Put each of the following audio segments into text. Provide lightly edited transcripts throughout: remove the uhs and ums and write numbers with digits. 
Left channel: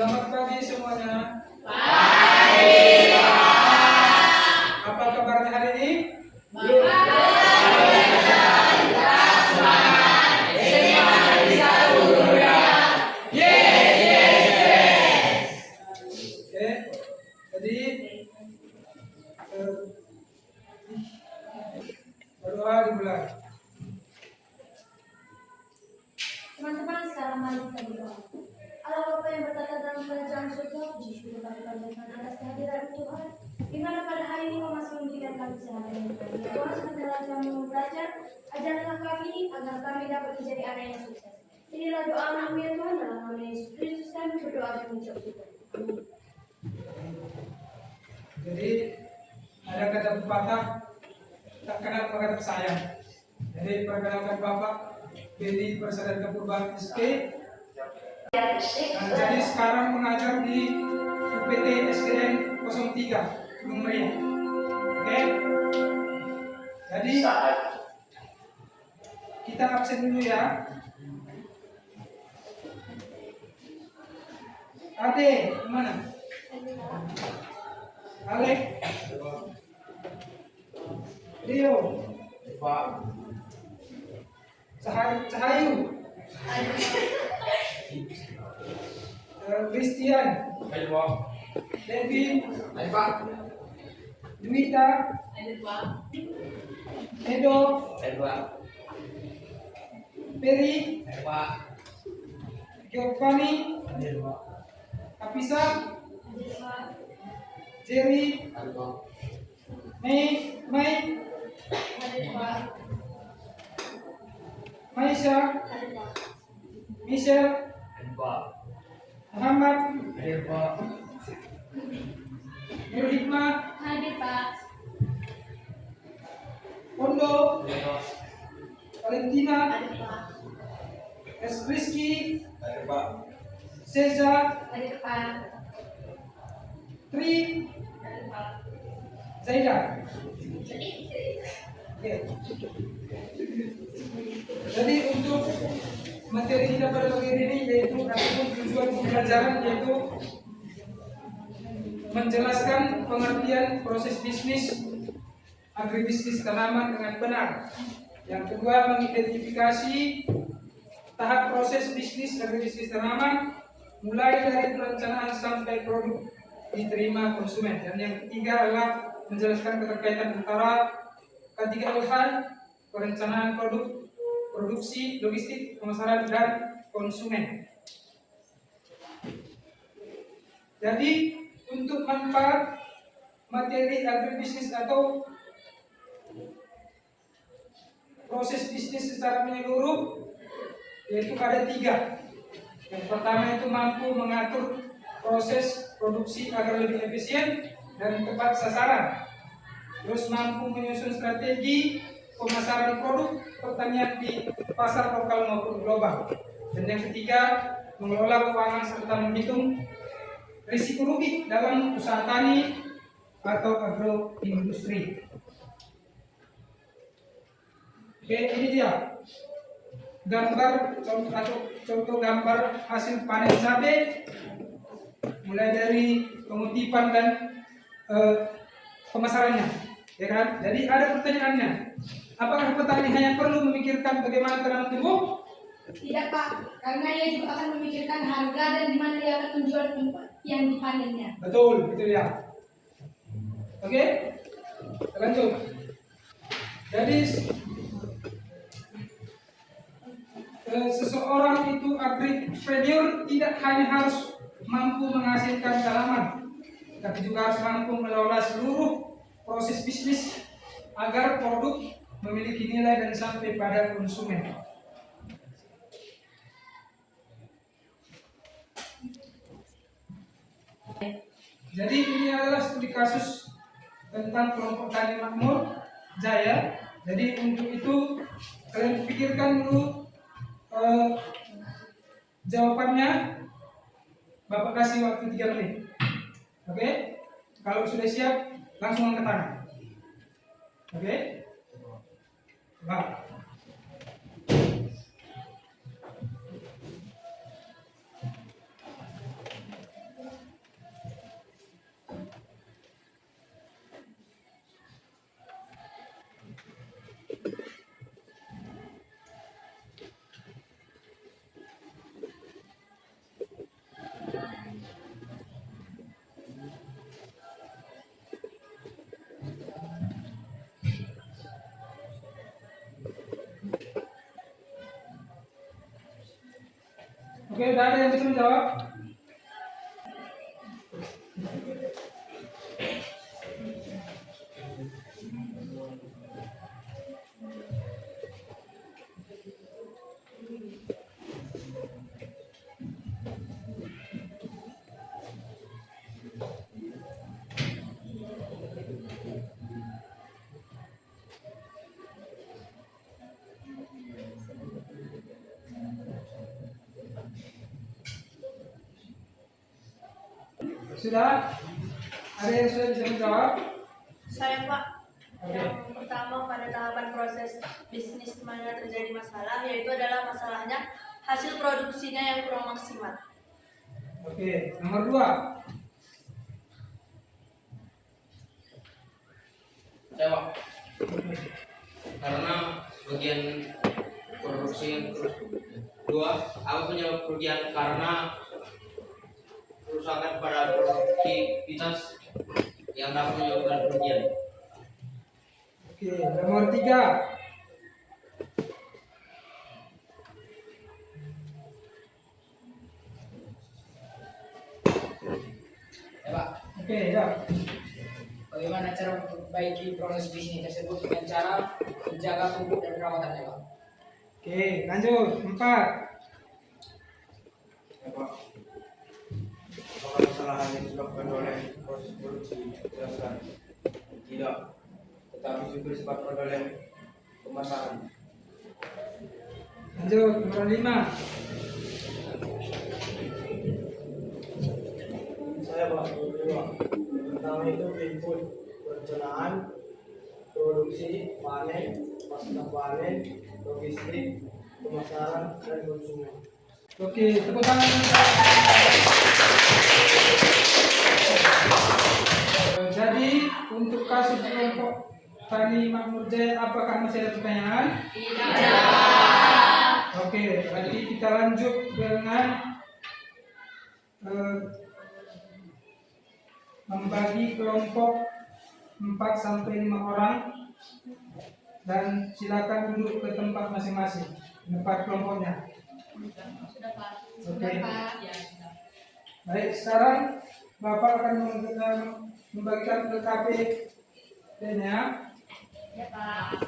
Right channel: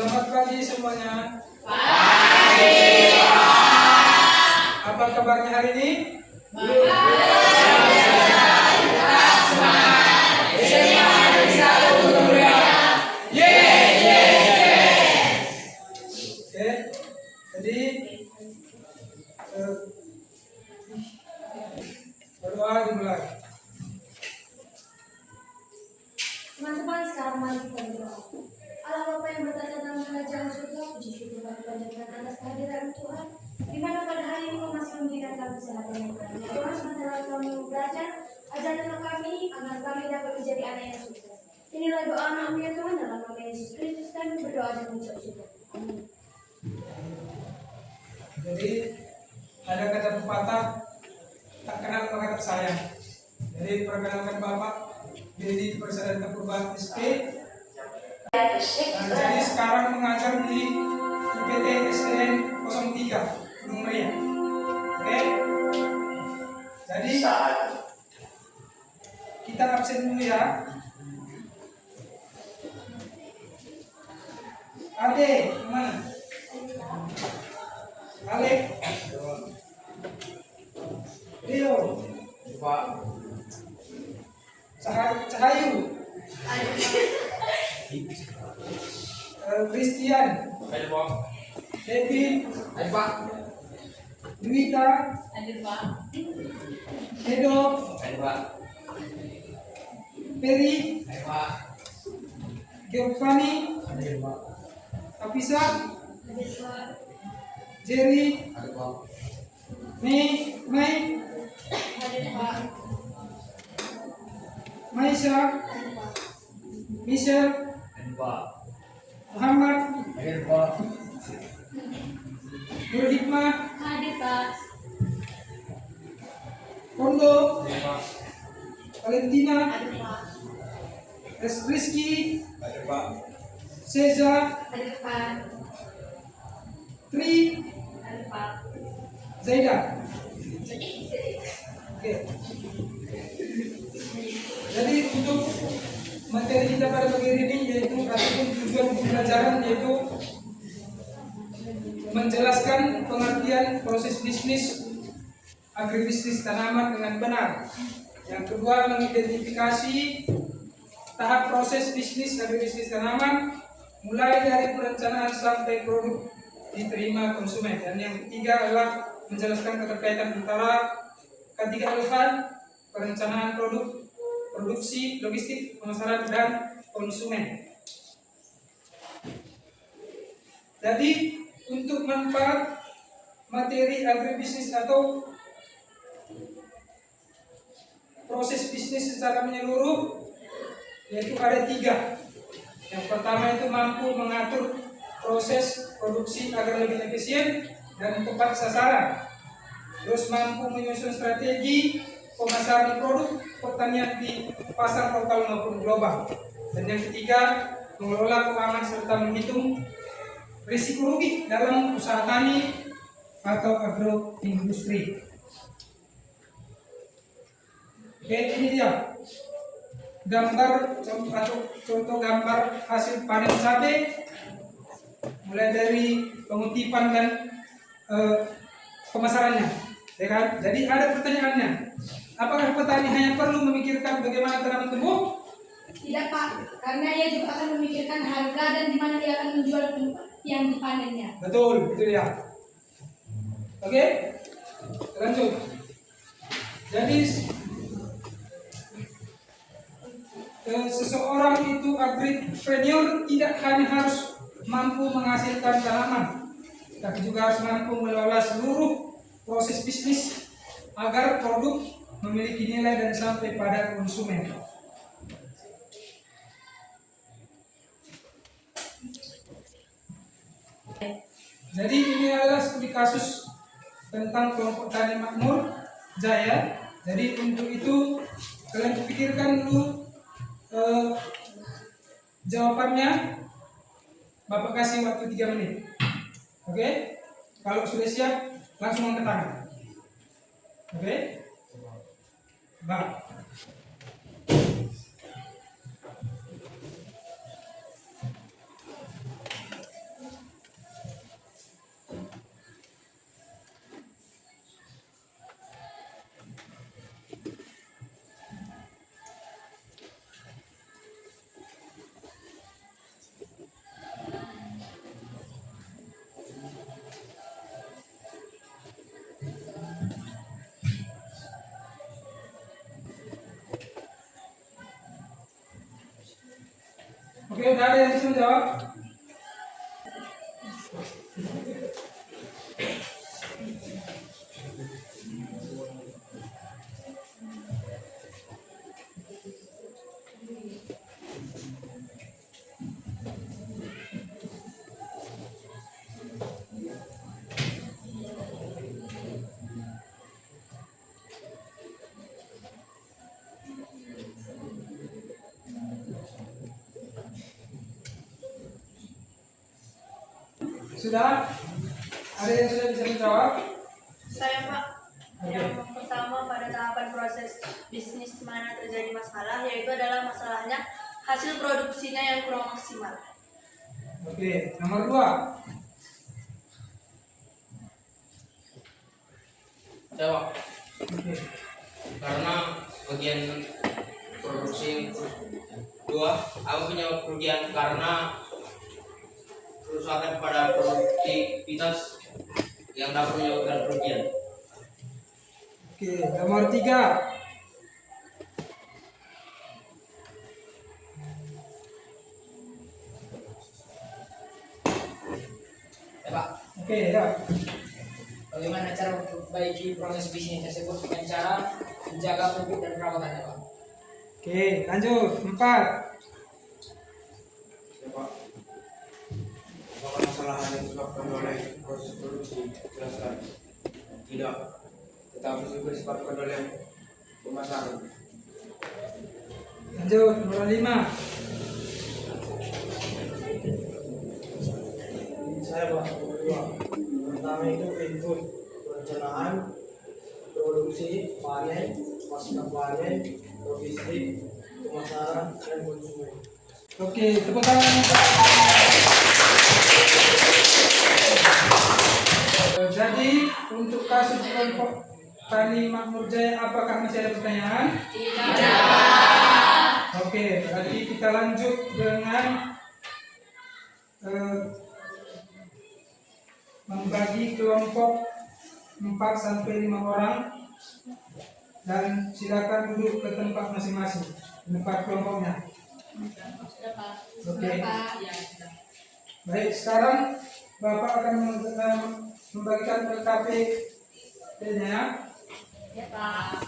Selamat pagi semuanya. Pagi. Apa kabarnya hari ini? Jadi berdoa dimulai. Teman-teman, sekarang mari kita berdoa. Allah Bapa yang bertata dalam kerajaan surga, puji syukur kami panjatkan atas kehadiran Tuhan, di mana pada hari ini Kau masih memberikan kami kesehatan yang baik. Ya Tuhan, sementara kami belajar, ajarlah kami agar kami dapat menjadi anak yang sukses. Inilah doa anakmu ya Tuhan, dalam nama Yesus Kristus kami berdoa dan mengucap syukur. Amin. Jadi ada kata pepatah, tak kenal maka tak sayang. Jadi perkenalkan Bapak Dedi Persada Purba SK. Jadi sekarang mengajar di UPT SDN 03 Gunung Meriah. Oke. Jadi kita absen dulu ya. Ade, mana? Alek, Rio, Cahayu, Christian, Devin, Duita, Edo, Peri, Giovanni, Apisa, Jerry, Mei, Maisha, Michelle, Muhammad, Nur Hikmah, Hadir Pak. Kondo, Valentina, Hadir Pak. Rizky, Seza, Hadir Pak. Tri, Hadir Pak. Zaida. Oke. Jadi untuk materi kita pada pagi ini yaitu ataupun tujuan pembelajaran yaitu menjelaskan pengertian proses bisnis agribisnis tanaman dengan benar. Yang kedua, mengidentifikasi tahap proses bisnis agribisnis tanaman mulai dari perencanaan sampai produk diterima konsumen. Dan yang ketiga adalah menjelaskan keterkaitan antara ketiga hal: perencanaan produk, produksi, logistik, pemasaran, dan konsumen. Jadi untuk manfaat materi agribisnis atau proses bisnis secara menyeluruh yaitu ada tiga. Yang pertama itu mampu mengatur proses produksi agar lebih efisien dan tepat sasaran. Terus mampu menyusun strategi pemasaran produk pertanian di pasar lokal maupun global. Dan yang ketiga, mengelola keuangan serta menghitung risiko rugi dalam usaha tani atau agroindustri. Oke, ini dia gambar contoh gambar hasil panen cabai mulai dari pengutipan dan pemasarannya, ya kan? Jadi ada pertanyaannya, apakah petani hanya perlu memikirkan bagaimana tanaman tumbuh? Tidak Pak, karena ia juga akan memikirkan harga dan di mana dia akan menjual yang dipanennya. Betul, itu dia. Oke, lanjut. Jadi seseorang itu agripreneur tidak hanya harus mampu menghasilkan tanaman, tapi juga harus mampu mengelola seluruh proses bisnis agar produk memiliki nilai dan sampai pada konsumen. Jadi ini adalah studi kasus tentang kelompok tani makmur Jaya. Jadi untuk itu kalian pikirkan dulu jawabannya. Bapak kasih waktu 3 menit. Oke? Kalau sudah siap langsung angkat tangan. Oke? Bapak. Oke, udah ada yang bisa menjawab? Sudah? Ada yang sudah bisa menjawab? Saya Pak. Oke. Yang pertama pada tahapan proses bisnis di mana terjadi masalah, yaitu adalah masalahnya hasil produksinya yang kurang maksimal. Oke, nomor 2. Jawab. Oke. Karena bagian produksi yang kedua, aku punya kerugian karena kerusakan pada produktivitas yang dapat menyebabkan kerugian. Oke, nomor 3. Ya Pak, Oke, ya. bagaimana cara memperbaiki proses bisnis tersebut dengan cara menjaga pupuk dan perawatannya Pak? Oke, lanjut. 4. Ya Pak, apakah masalah hanya disebabkan oleh proses produksi? Jelaskan. Tidak, tetapi juga disebabkan oleh pemasaran. Lanjut, nomor 5. Saya Pak, nomor 2. Pertama itu input, perencanaan, produksi, panen, pasca panen, logistik, pemasaran, dan konsumen. Oke, tepuk tangan. Jadi, untuk kasus kelompok Tani Makmur Jaya, apakah masih ada pertanyaan? Oke, berarti kita lanjut dengan membagi kelompok 4 sampai 5 orang dan silakan duduk ke tempat masing-masing. 4 kelompoknya. Sudah Pak. Oke. Ya, sudah. Baik, sekarang Bapak akan membagikan LKP-nya. Ya Pak.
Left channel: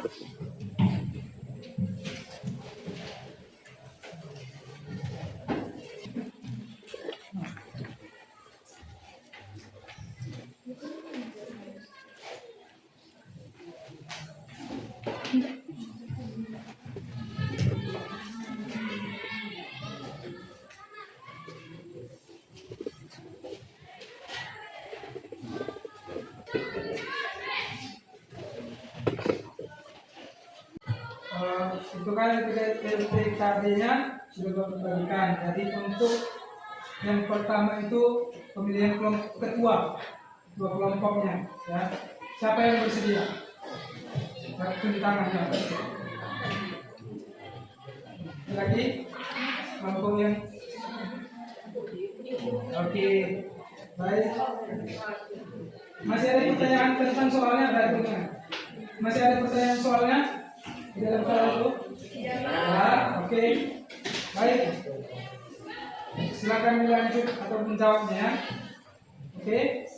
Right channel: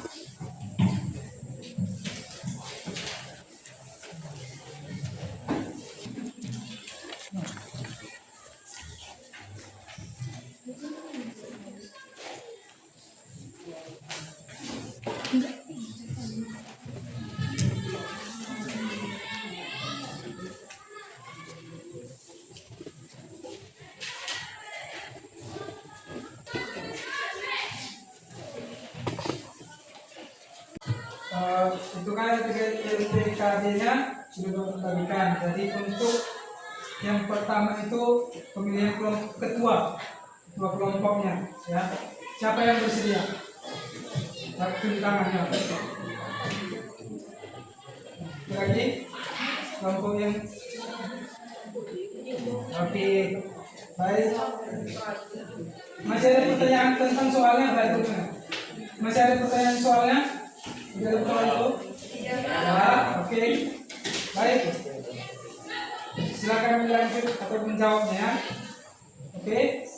Itu kan LPKB-nya sudah Bapak bagikan. Jadi untuk yang pertama itu pemilihan kelompok ketua kelompoknya, ya. Siapa yang bersedia? Jatuh tangannya. Lagi kelompok yang oke, baik. Masih ada pertanyaan tentang soalnya? Masih ada pertanyaan soalnya? Di dalam soal itu? Ya, oke. Baik. Silakan melanjut atau menjawabnya. Oke.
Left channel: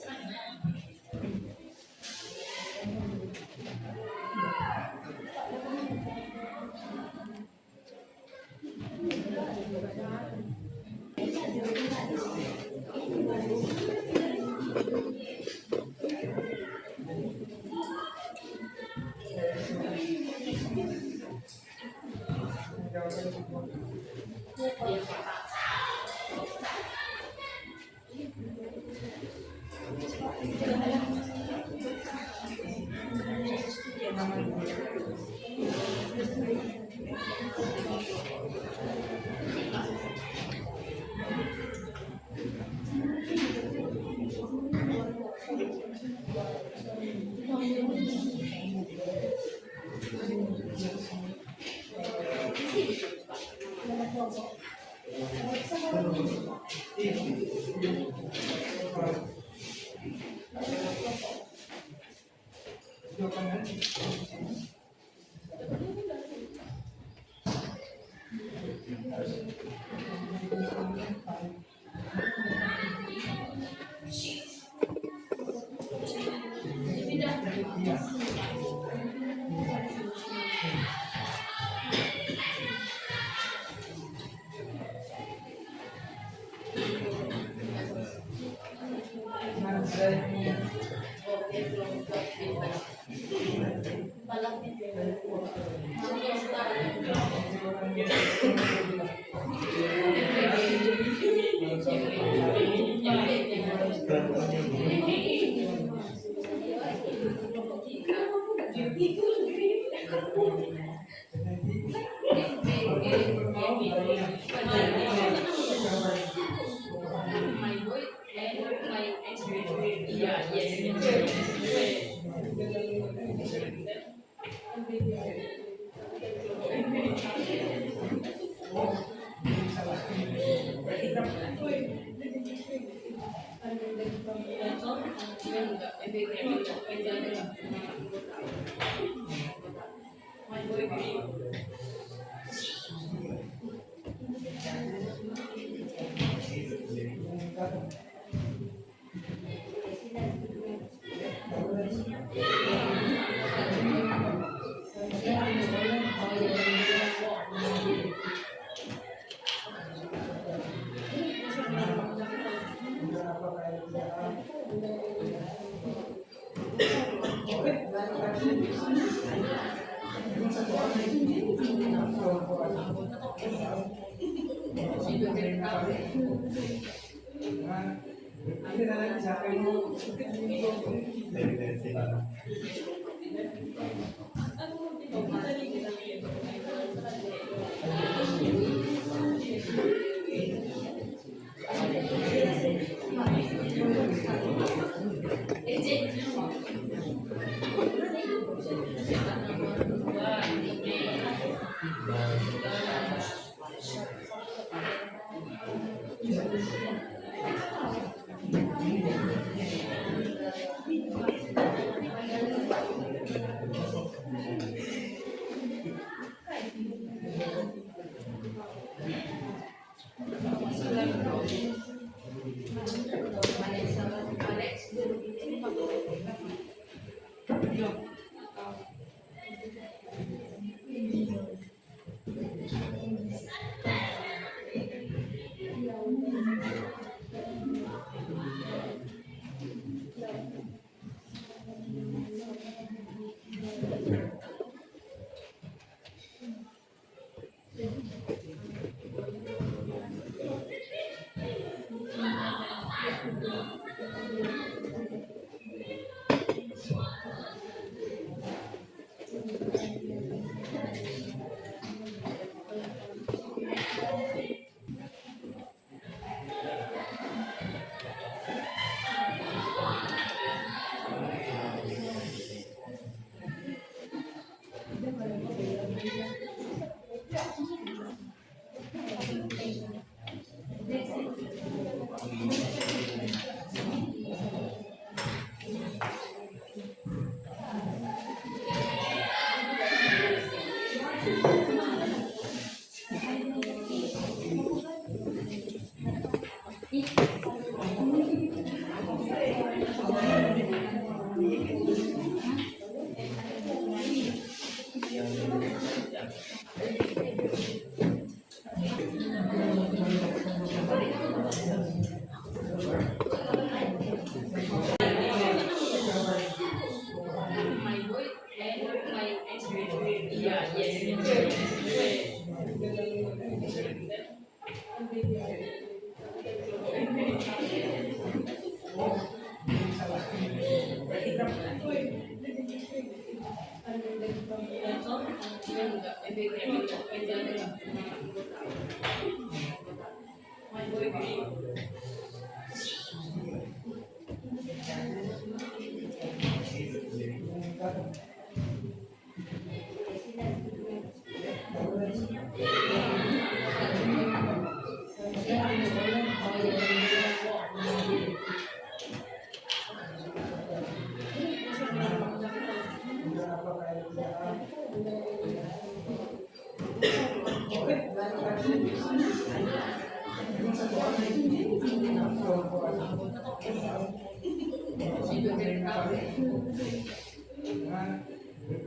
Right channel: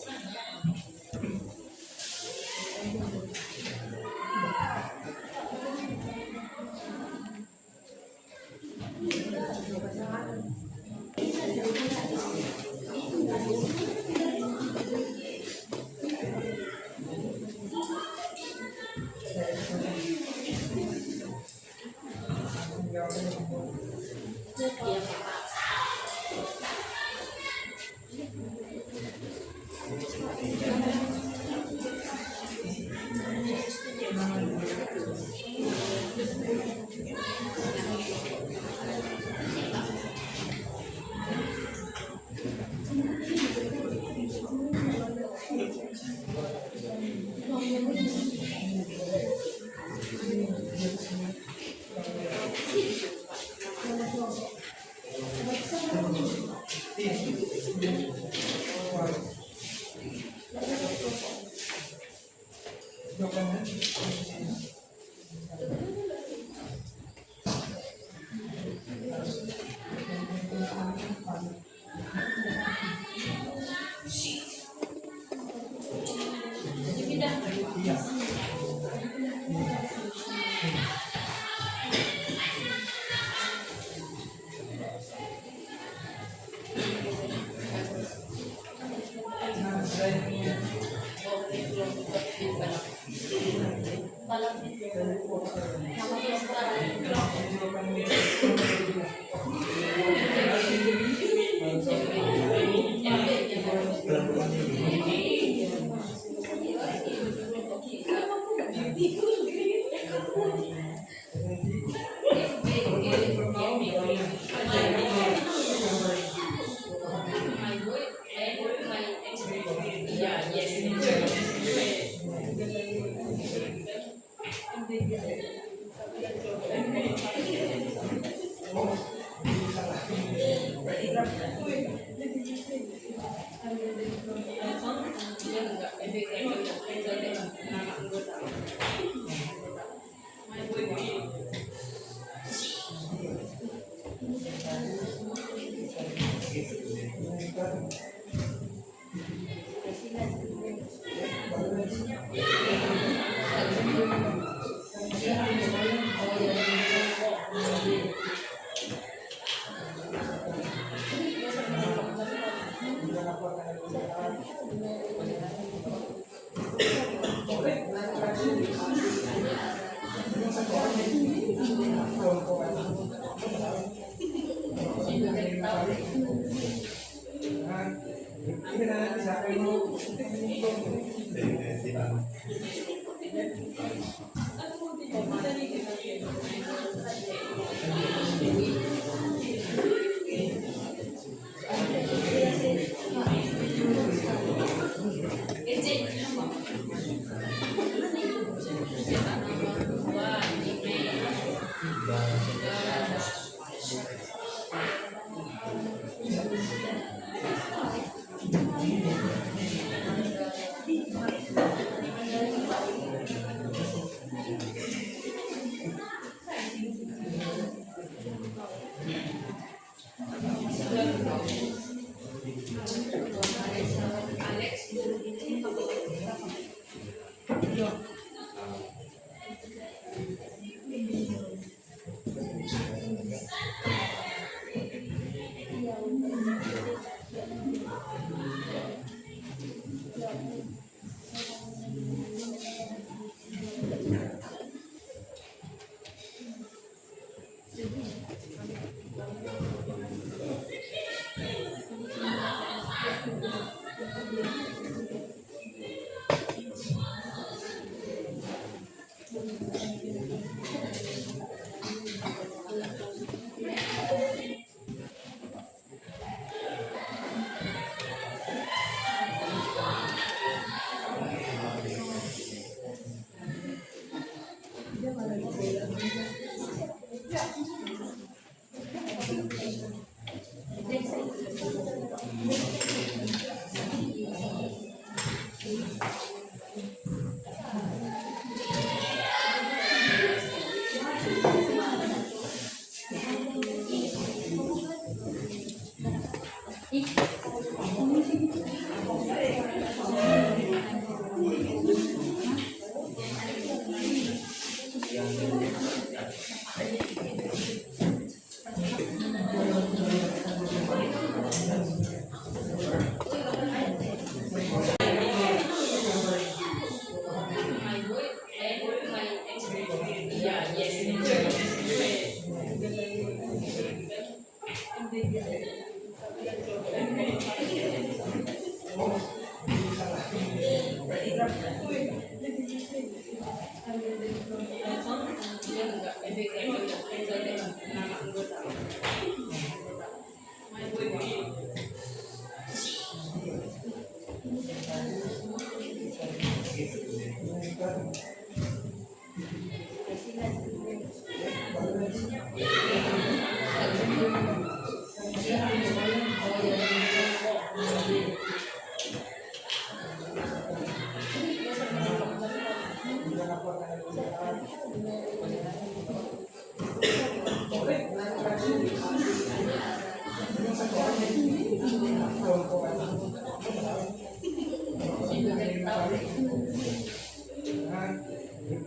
Ini nanti siapa yang mau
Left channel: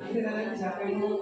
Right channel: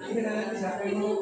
ini nanti siapa yang mau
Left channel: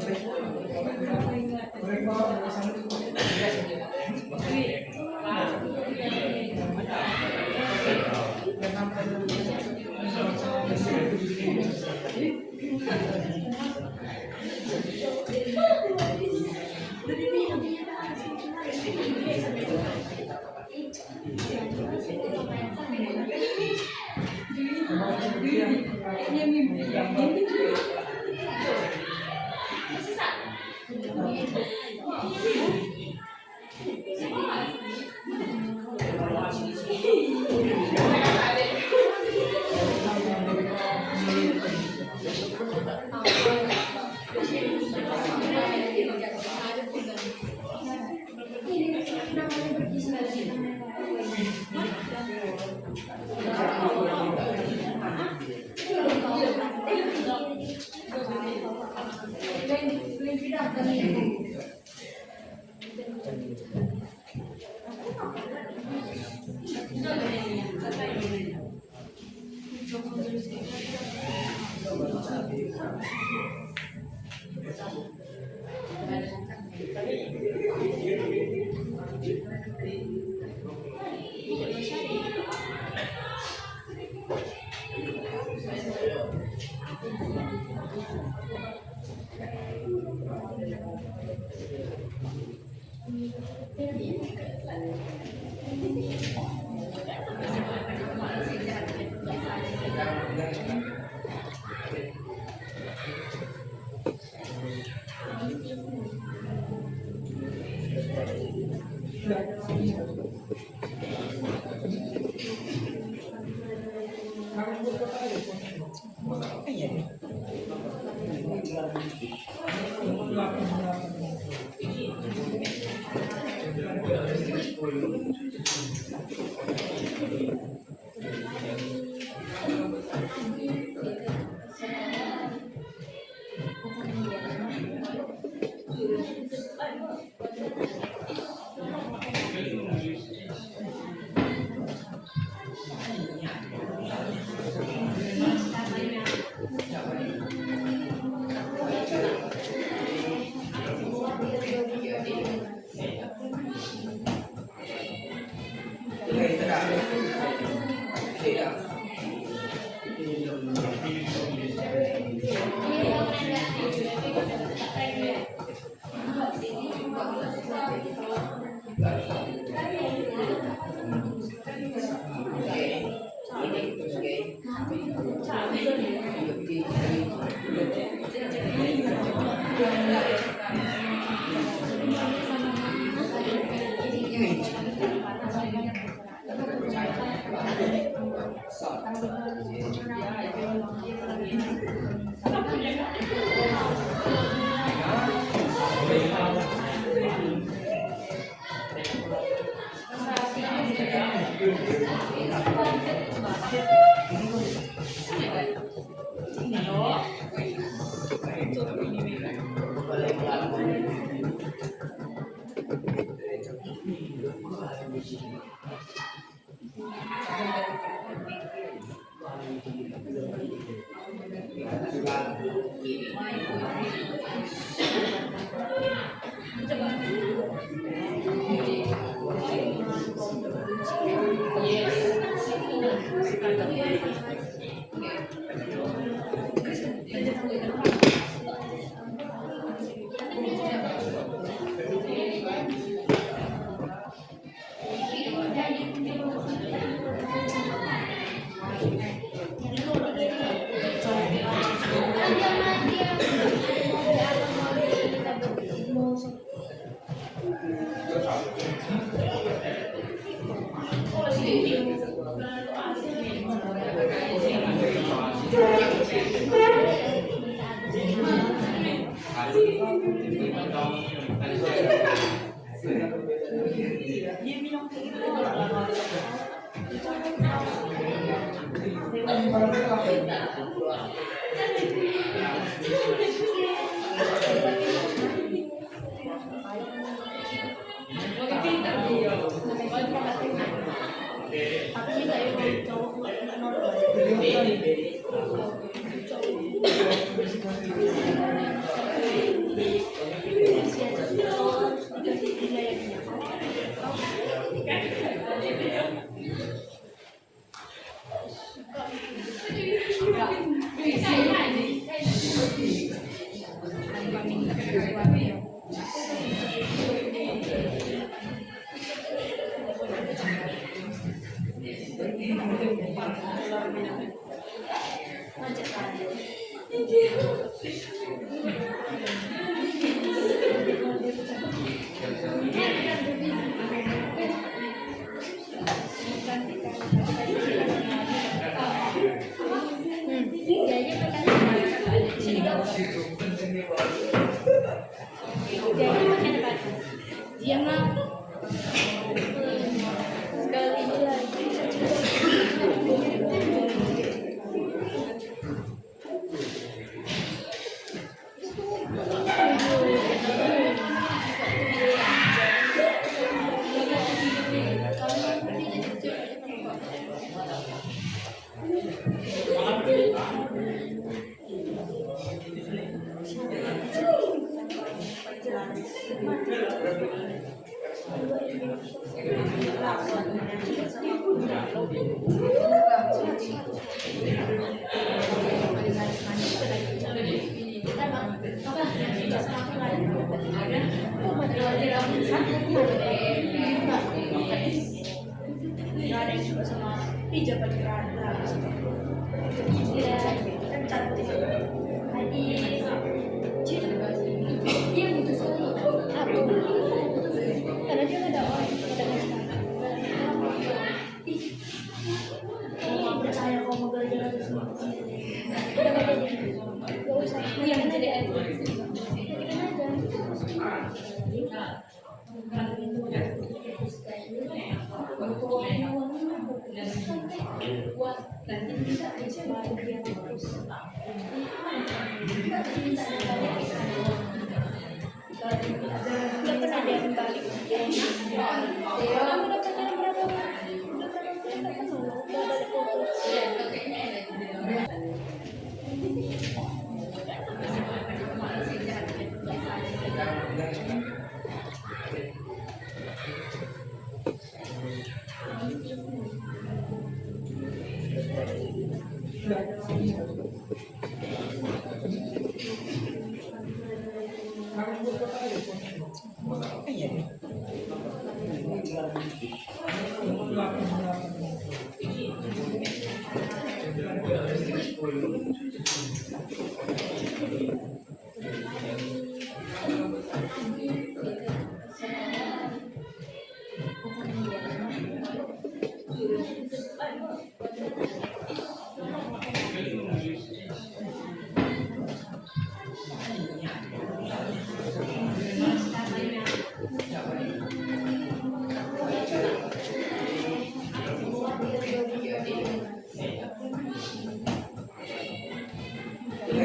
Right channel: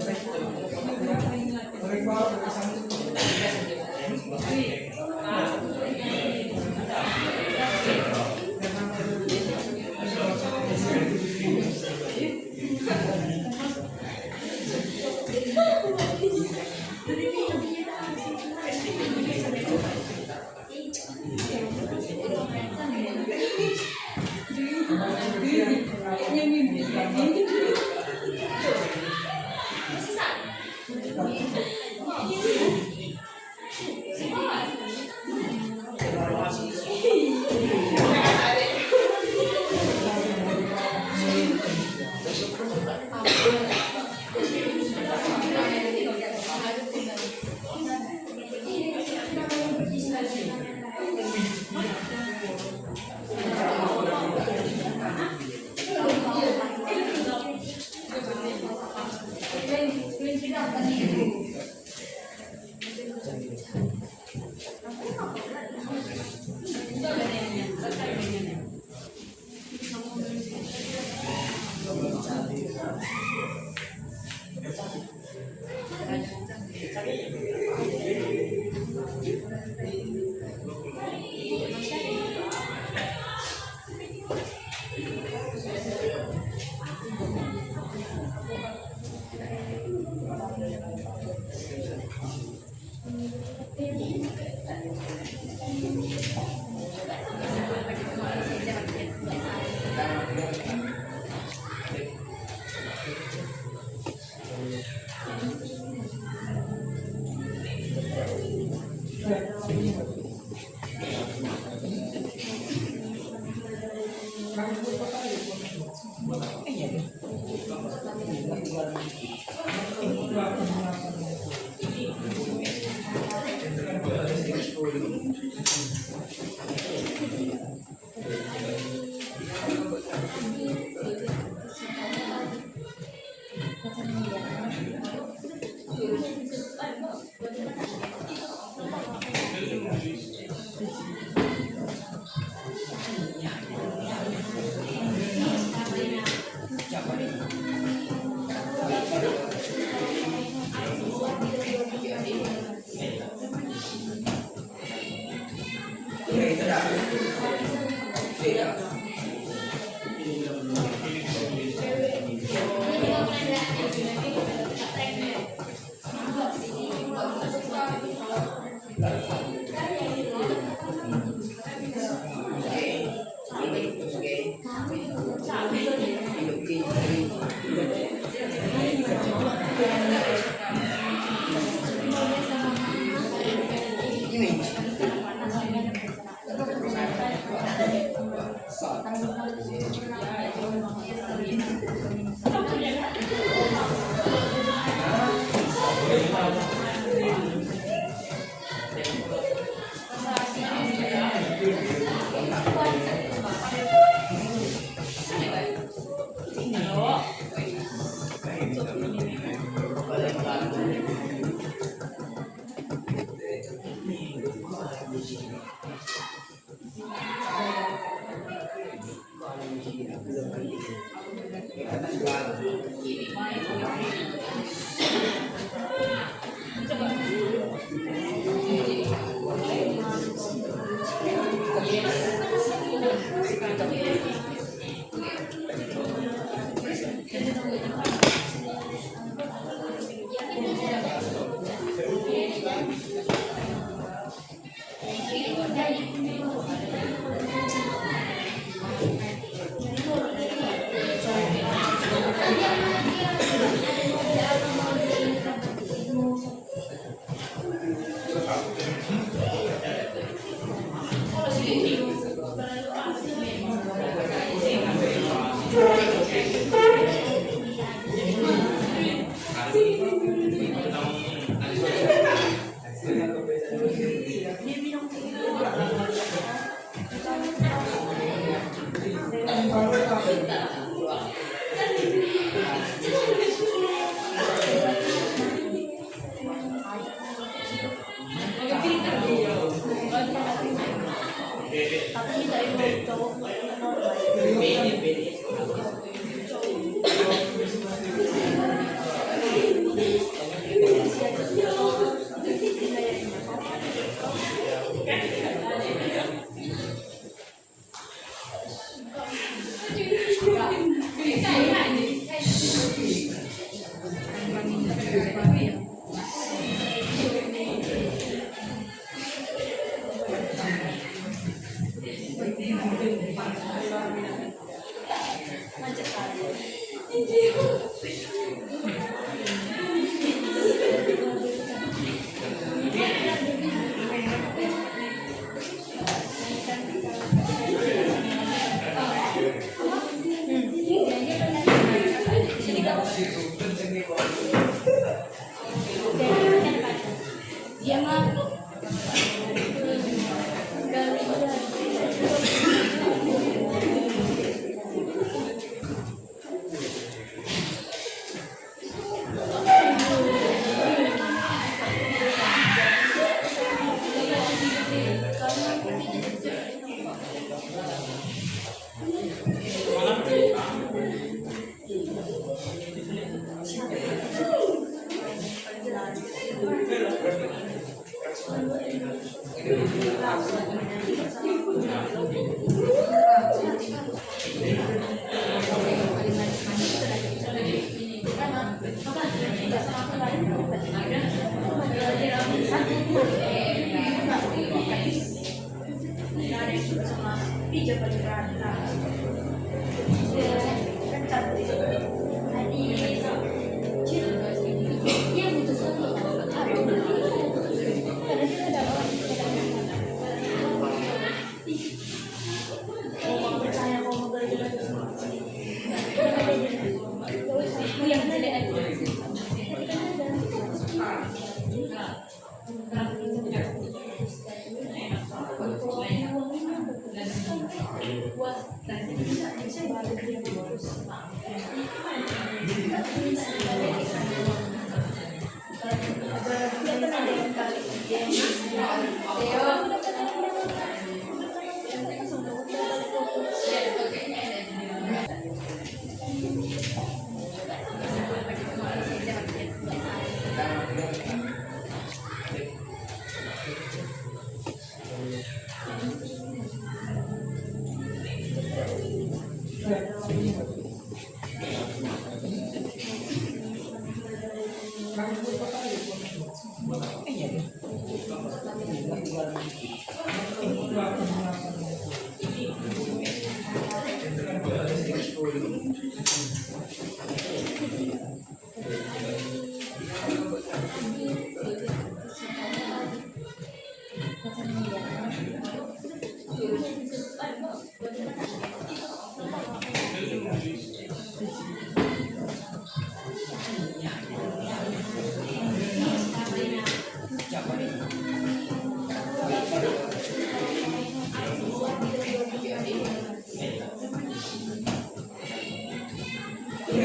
Goreng bawang, goreng sambal.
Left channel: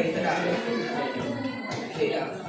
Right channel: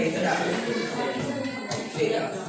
Itu dah. Tidak.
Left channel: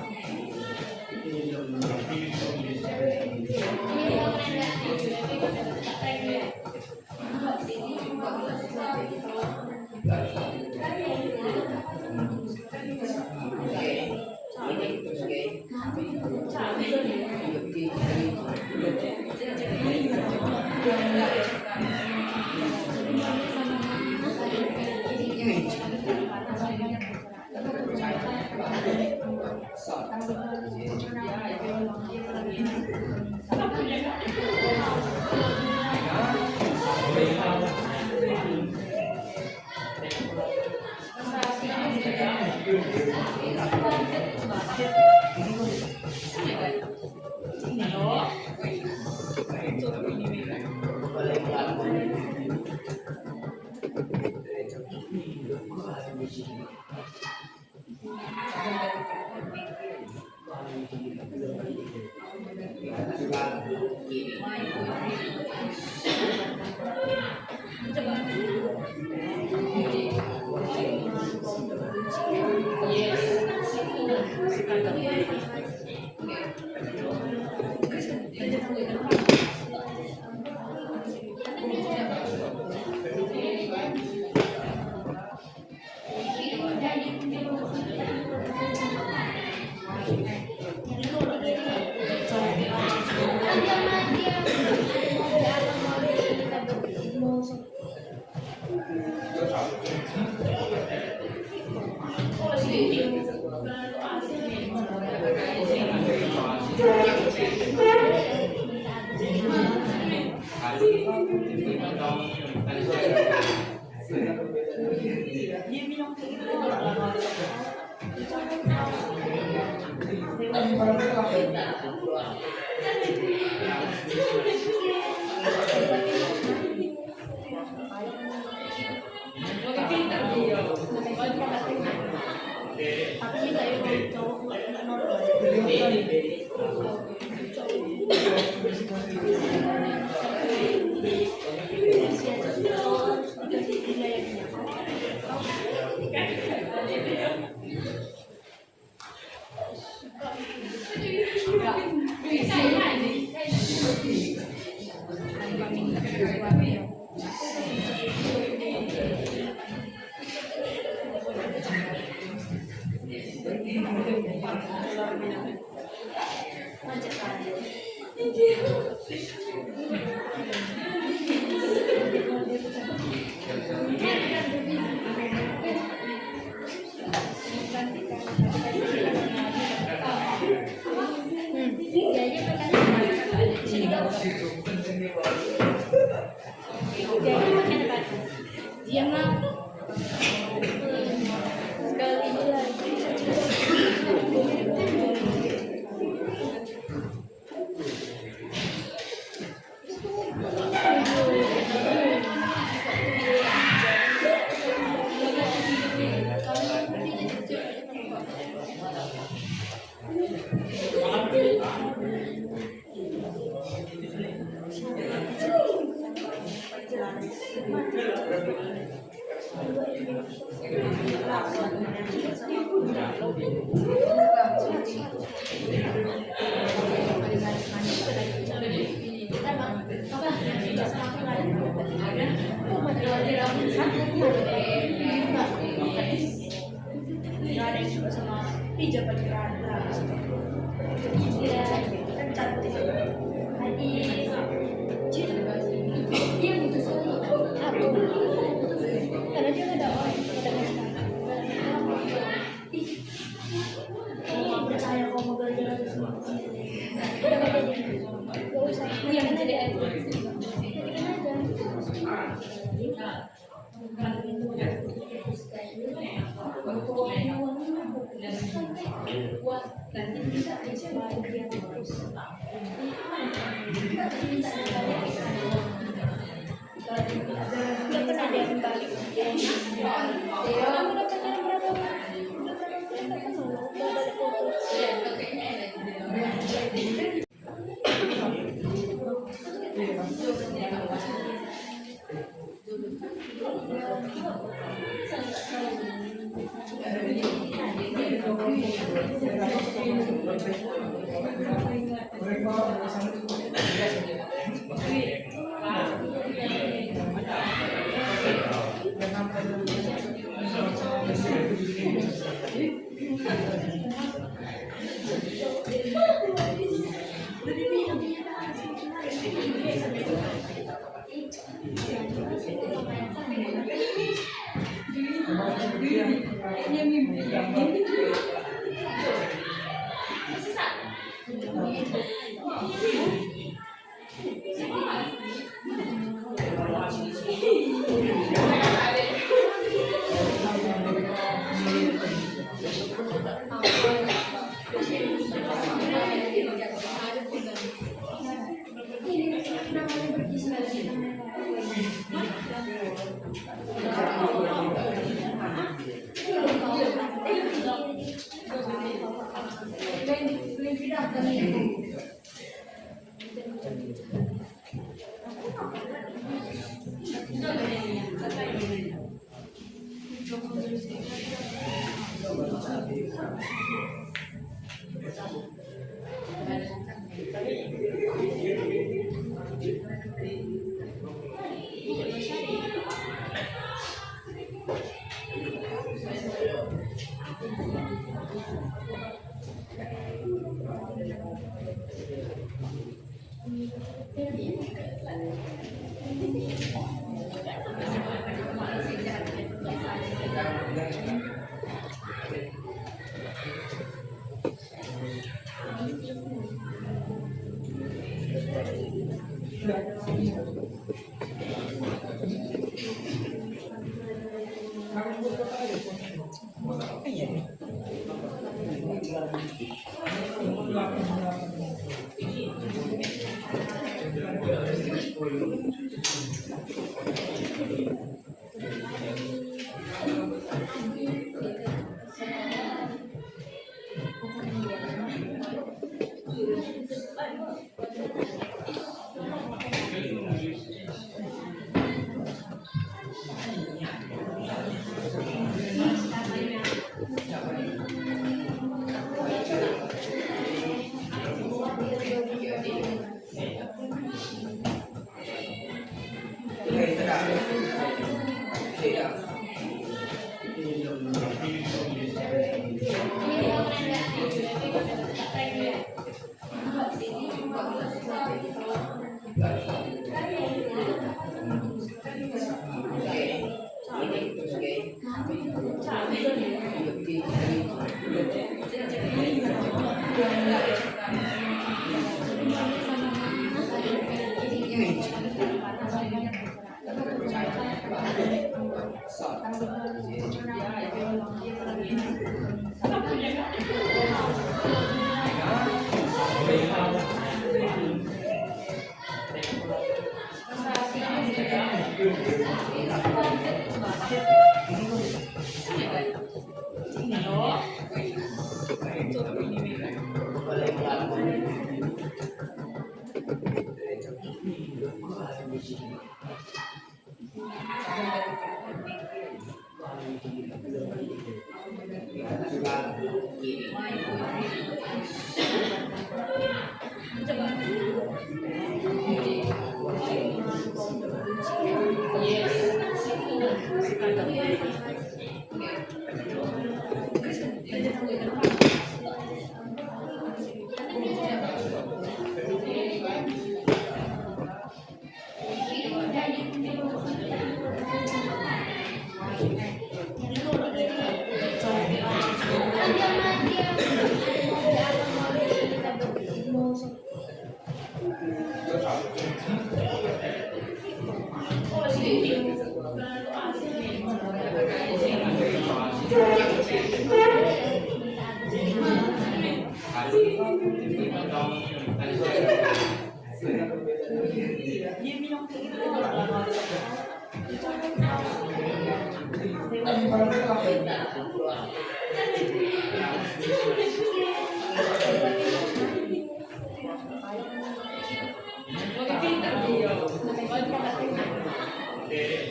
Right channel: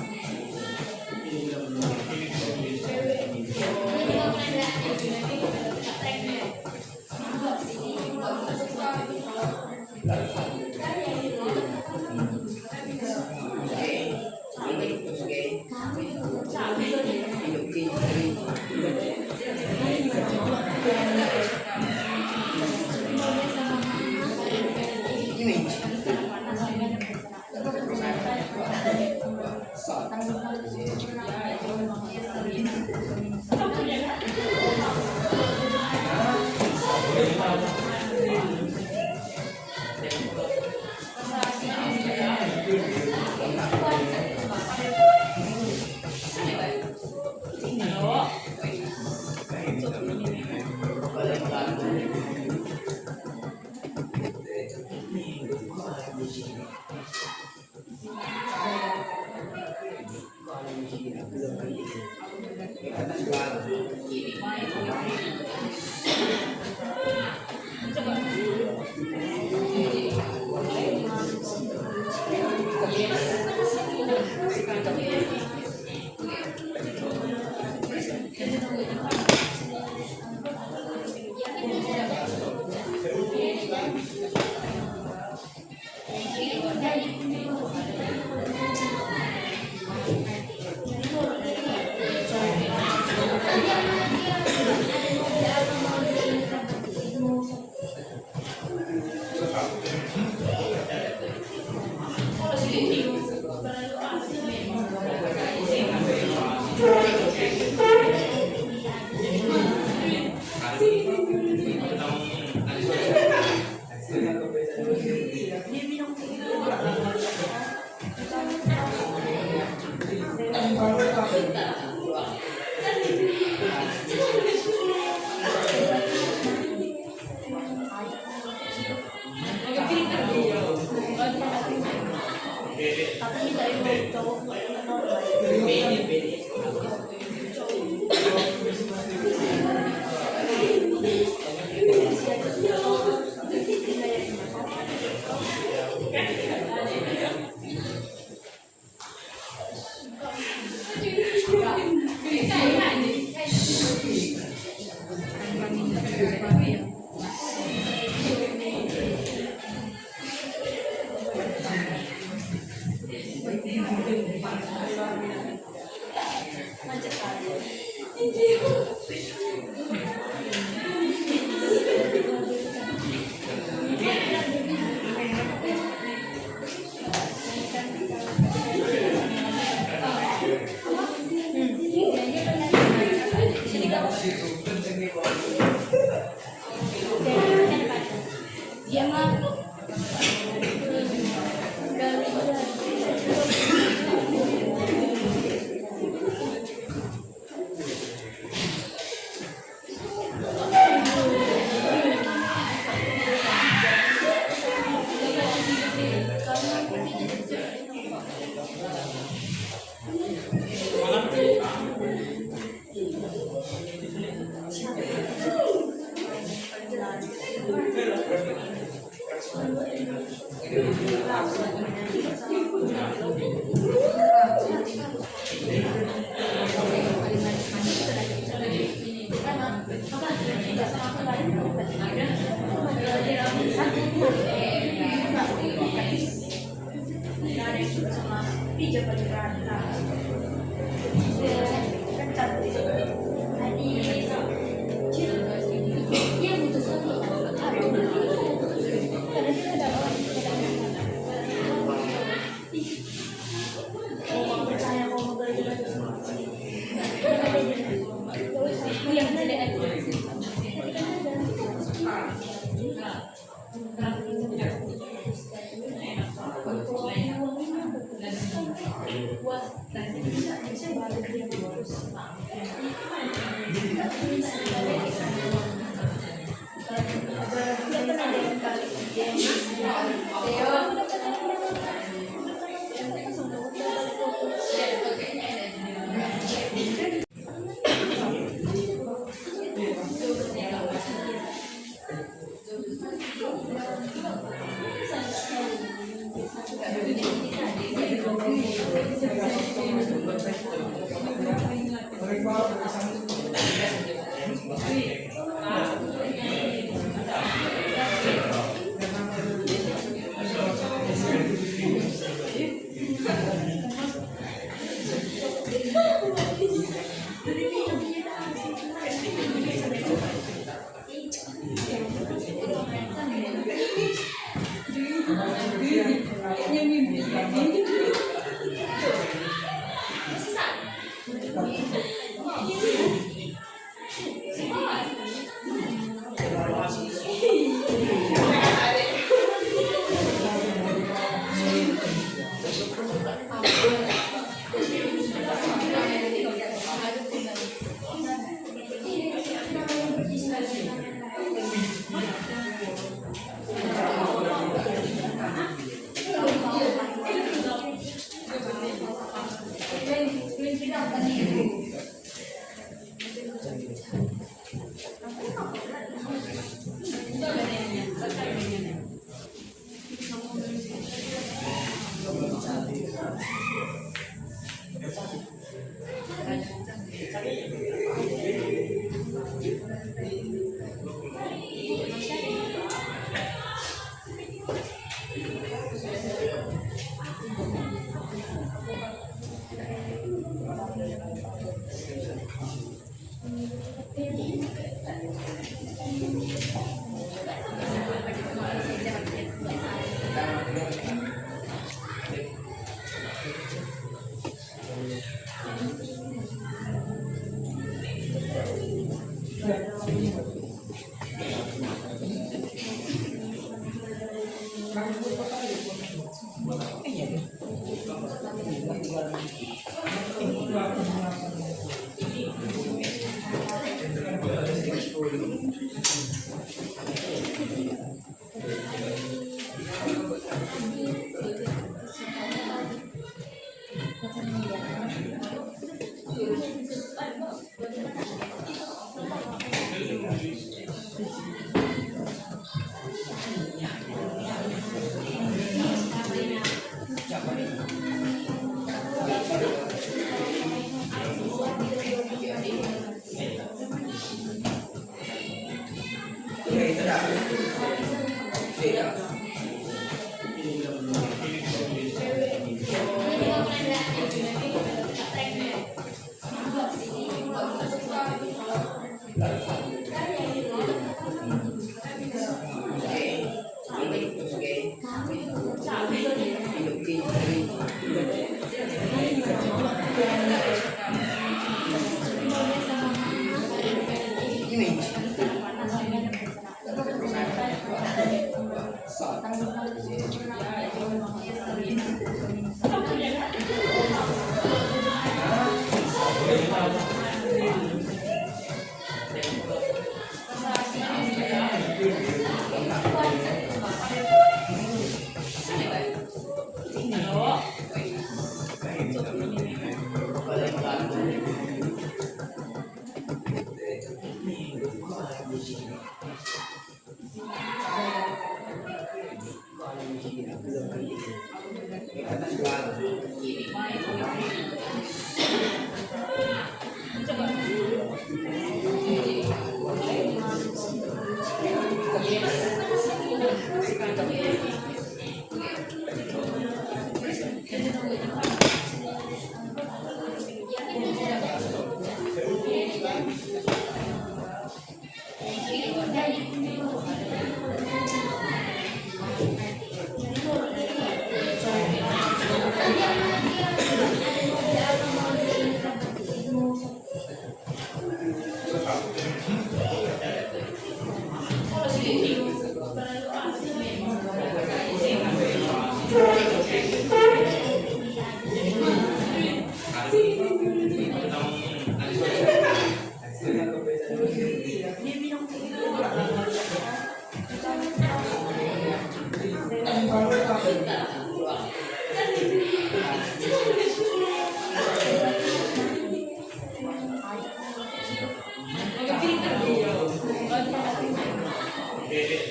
So,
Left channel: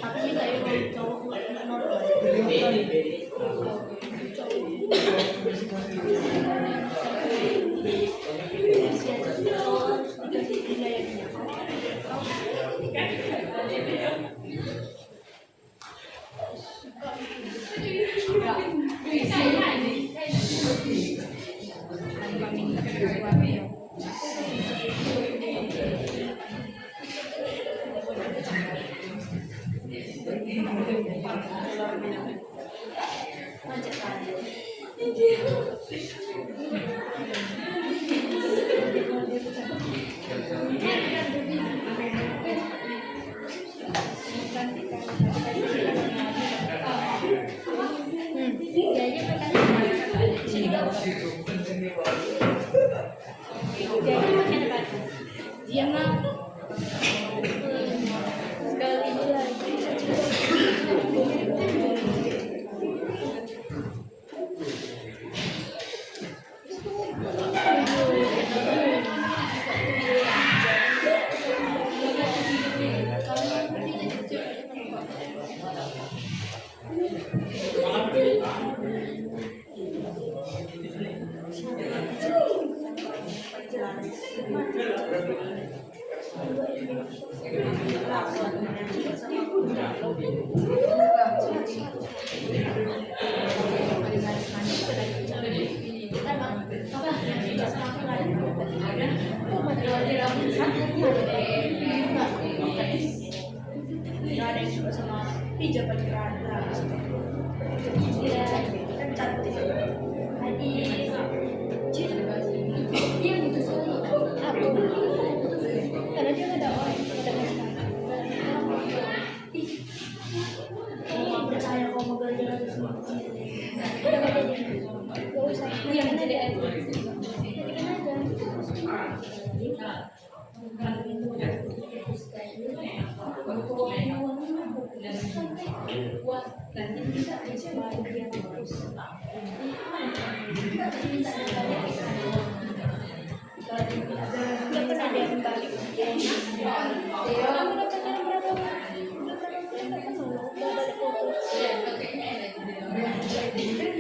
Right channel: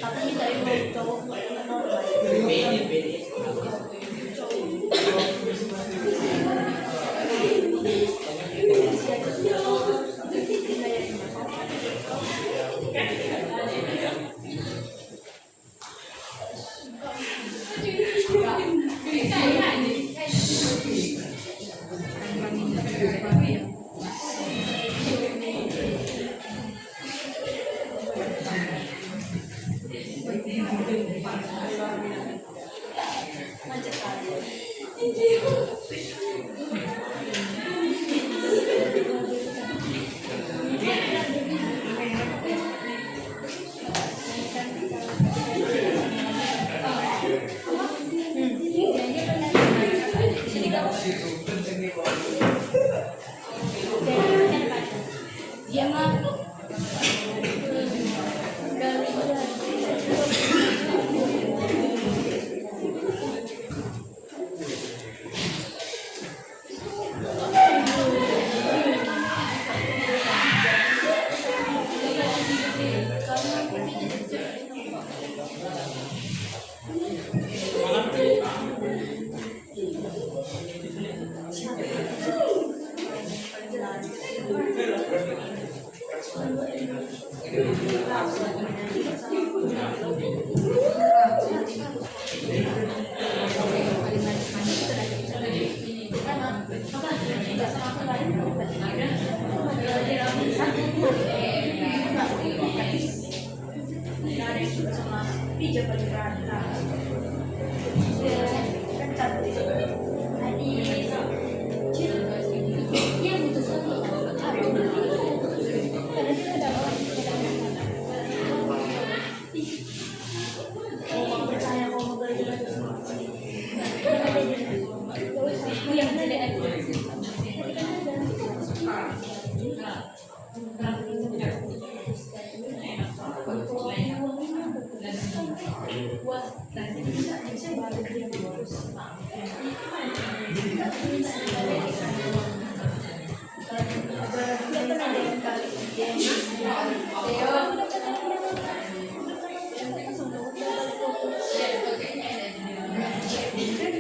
Tapi kita itu cowok nggak normal. Diam lah.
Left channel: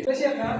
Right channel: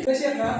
Udah siap nggak?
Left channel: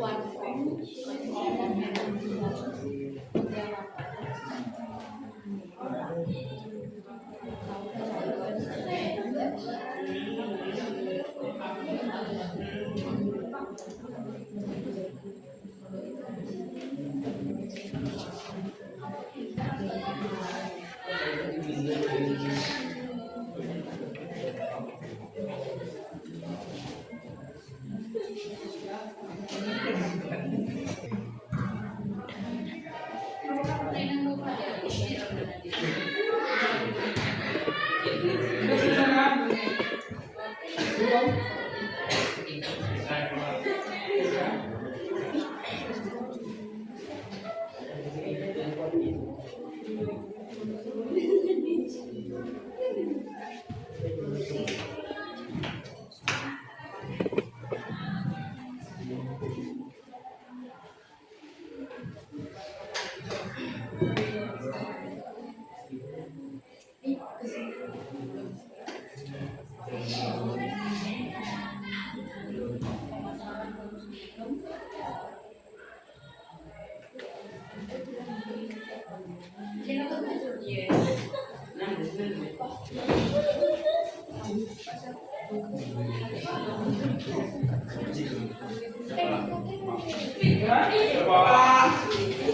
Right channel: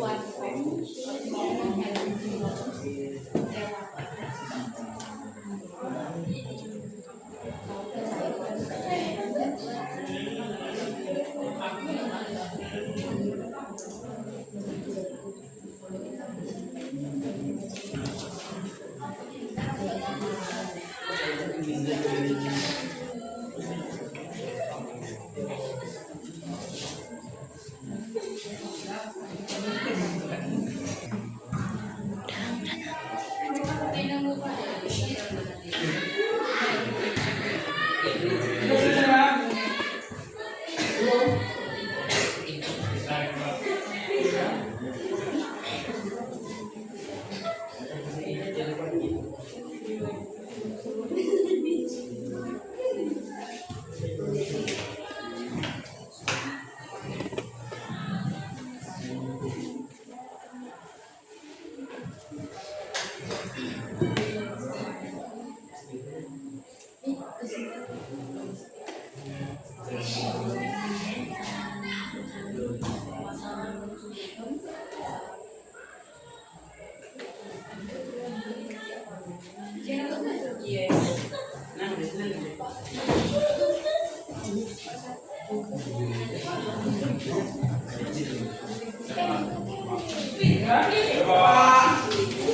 One. Ya?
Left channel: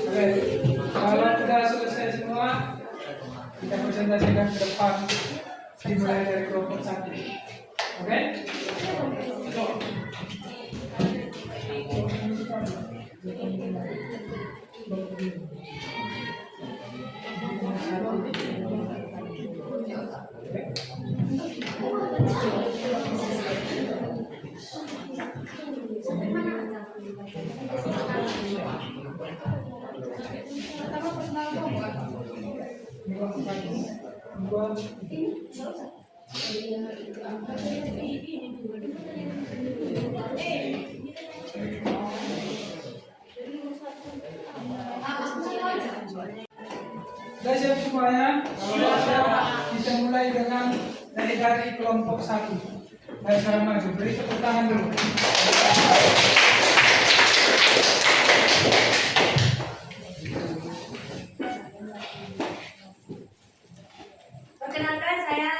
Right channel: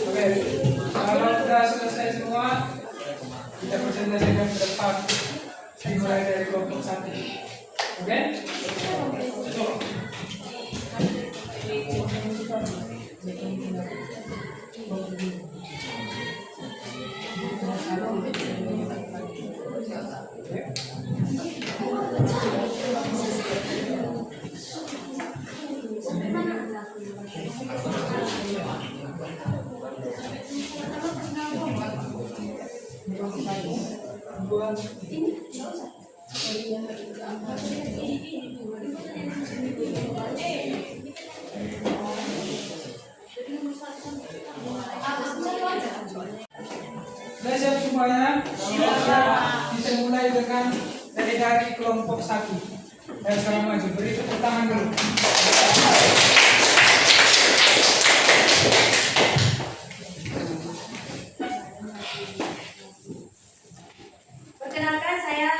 Oke. Kalau sudah selesai semua, kita presentasikan ke depan. Dimulai dari kelompok 1. Oke? Sudah siap semuanya? Siap. Bisa mulai dengan dari kelompok 1. Ayo sekarang maju, beri tepuk tangan dulu. Perkenalkan, saya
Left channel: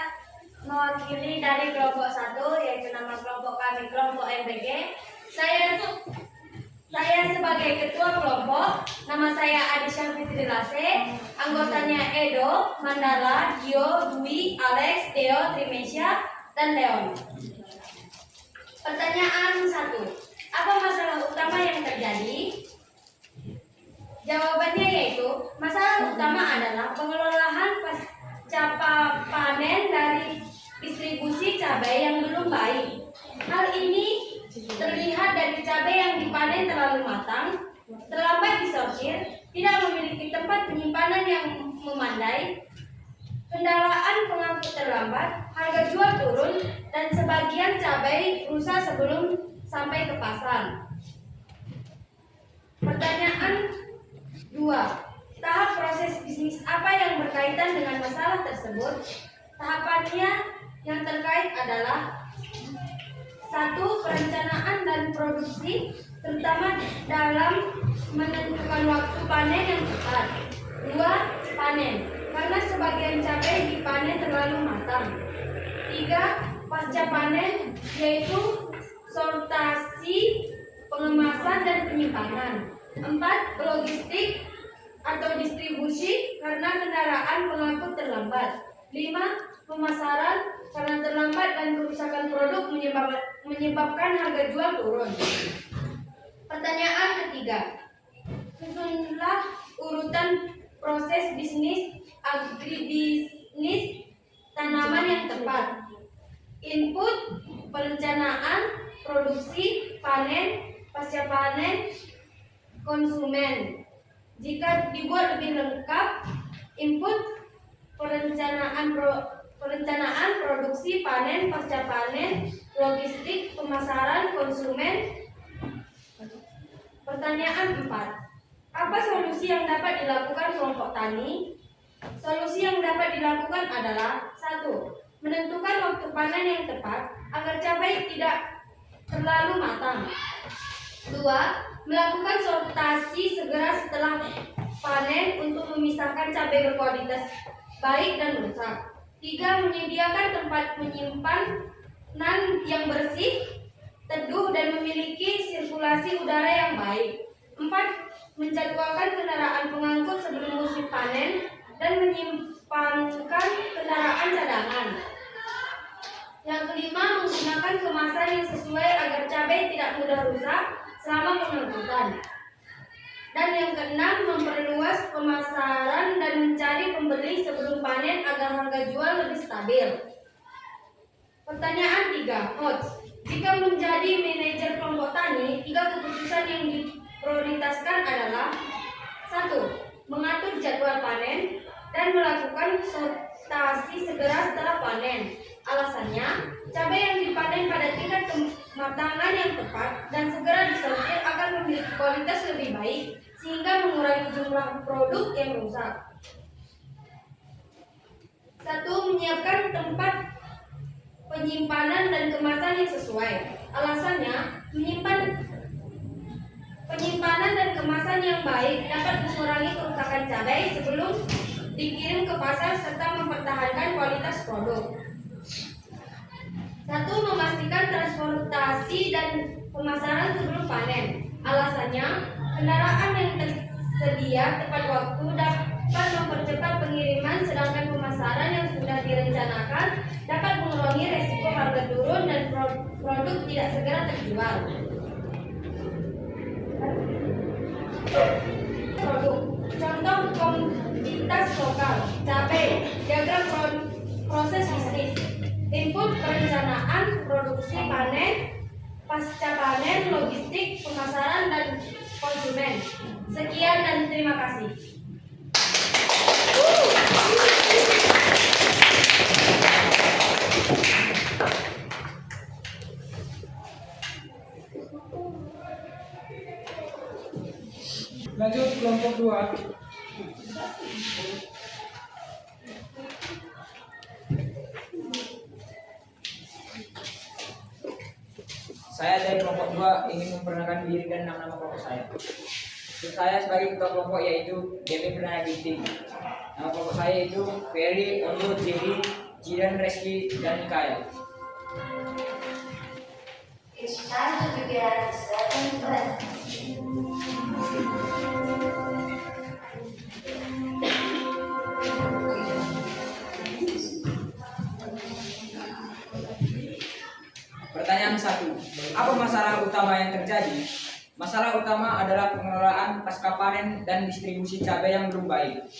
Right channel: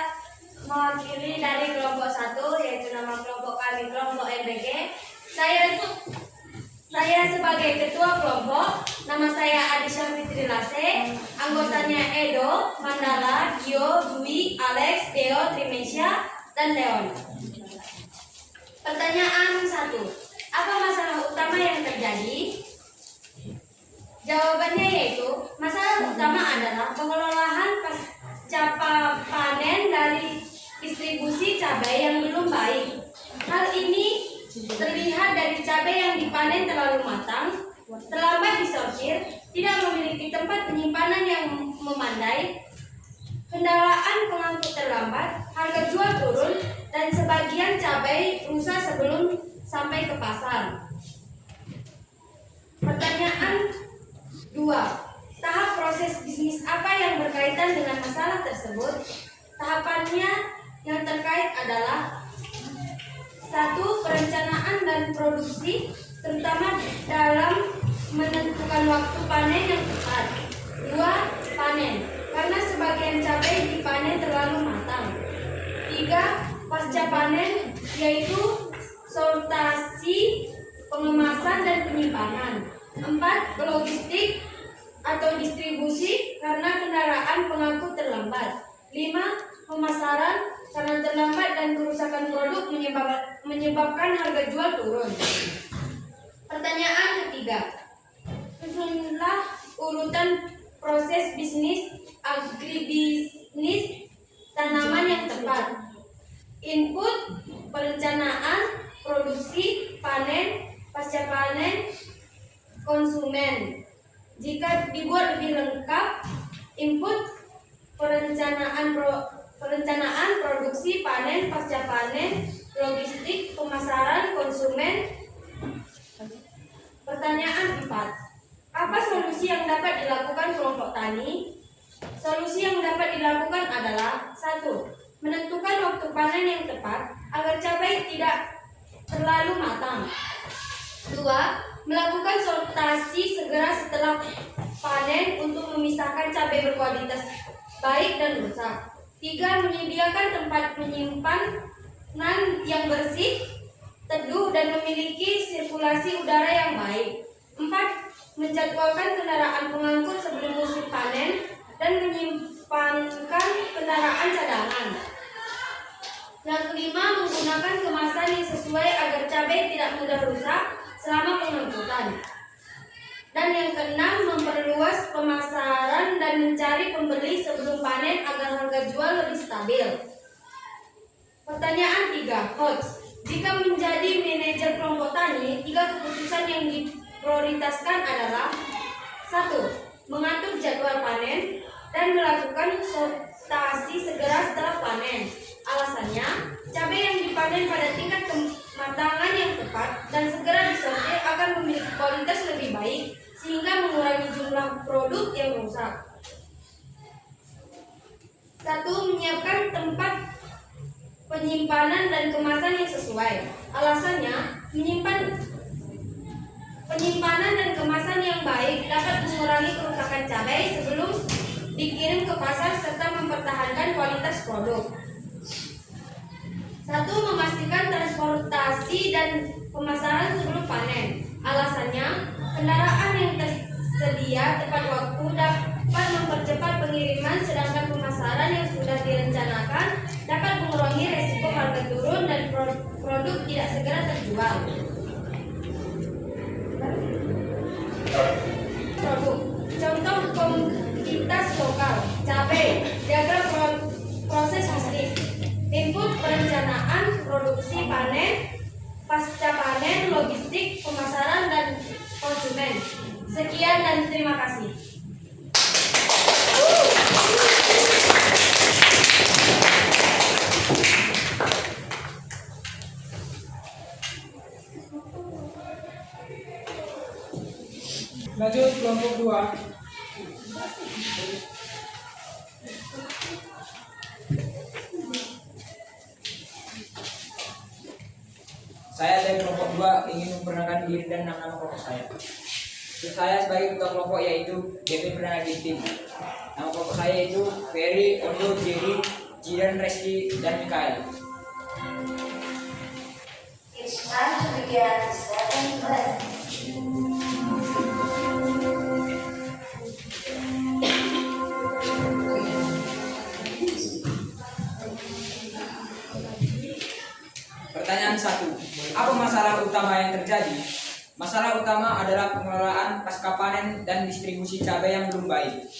mewakili dari kelompok 1, yaitu nama kelompok kami kelompok MBG. Saya sebagai ketua kelompok, nama saya Adisha Fitri Lase, anggotanya Edo, Mandala, Gio, Dwi, Alex, Theo, Trimesha, dan Leon. Pertanyaan 1. Apa masalah utama yang terjadi? Jawabannya yaitu, masalah utama adalah pengelolaan pasca panen dari distribusi cabai yang belum baik. Hal ini terlihat dari cabai yang dipanen terlalu matang, terlambat disortir, tidak memiliki tempat penyimpanan yang memadai, kendaraan pengangkut terlambat, harga jual turun, dan sebagian cabai rusak sebelum sampai ke pasar. Pertanyaan 2. Tahap proses bisnis apa yang berkaitan dengan masalah tersebut? Tahapannya yang terkait adalah 1. Perencanaan dan produksi, terutama dalam menentukan waktu panen yang tepat. 2. Panen, karena sebagian cabai dipanen terlalu matang. 3. Pasca panen, yaitu sortasi, pengemasan, dan penyimpanan. 4. Logistik atau distribusi, karena kendaraan pengangkut terlambat. 5. Pemasaran, karena terlambat dan kerusakan produk menyebabkan harga jual turun. Pertanyaan ketiga. Susunlah urutan proses bisnis agribisnis tanaman yang tepat. Input, perencanaan, produksi, panen, pasca panen, konsumen. Jika dibuat lebih lengkap, input, perencanaan, produksi, panen, pasca panen, logistik, pemasaran, konsumen. Pertanyaan 4. Apa solusi yang dapat dilakukan kelompok tani? Solusi yang dapat dilakukan adalah 1. Menentukan waktu panen yang tepat agar cabai tidak terlalu matang. 2. melakukan sortasi segera setelah panen untuk memisahkan cabai berkualitas baik dan rusak. 3. Menyediakan tempat penyimpanan yang bersih, teduh, dan memiliki sirkulasi udara yang baik. 4. Menjadwalkan kendaraan pengangkut sebelum musim panen dan menyimpankan kendaraan cadangan. Yang kelima, menggunakan kemasan yang sesuai agar cabai tidak mudah rusak selama pengangkutan. Dan yang keenam, memperluas pemasaran dan mencari pembeli sebelum panen agar harga jual lebih stabil. Pertanyaan 3. Hots. Jika menjadi manajer kelompok tani, 3 keputusan yang diprioritaskan adalah: 1. Mengatur jadwal panen dan melakukan sortasi segera setelah panen. Alasannya, cabai yang dipanen pada tingkat kematangan yang tepat dan segera disortir akan memiliki kualitas lebih baik sehingga mengurangi jumlah produk yang rusak. 1. Menyiapkan tempat penyimpanan dan kemasan yang sesuai. Alasannya, penyimpanan dan kemasan yang baik dapat mengurangi kerusakan cabai sebelum dikirim ke pasar serta mempertahankan kualitas produk. 1. Memastikan transportasi dan pemasaran sebelum panen. Alasannya, kendaraan yang tersedia tepat waktu dapat mempercepat pengiriman, sedangkan pemasaran yang sudah direncanakan dapat mengurangi resiko harga turun dan produk tidak segera terjual. Produk. Contoh komoditas lokal, cabai, diagram proses bisnis, input perencanaan, produksi, panen, pasca panen, logistik, pemasaran, dan konsumen. Sekian dan terima kasih. Lanjut kelompok 2. Saya dari kelompok 2 ingin memperkenalkan diri dan nama kelompok saya. Saya sebagai ketua kelompok yaitu DP Perdana Binti. Nama kelompok saya yaitu Ferry, Ondo, Jerry, Jidan, Reski, dan Mikael. It's time to begin the second lesson. Pertanyaan 1. Apa masalah utama yang terjadi? Masalah utama adalah pengelolaan pasca panen dan distribusi cabai yang belum baik.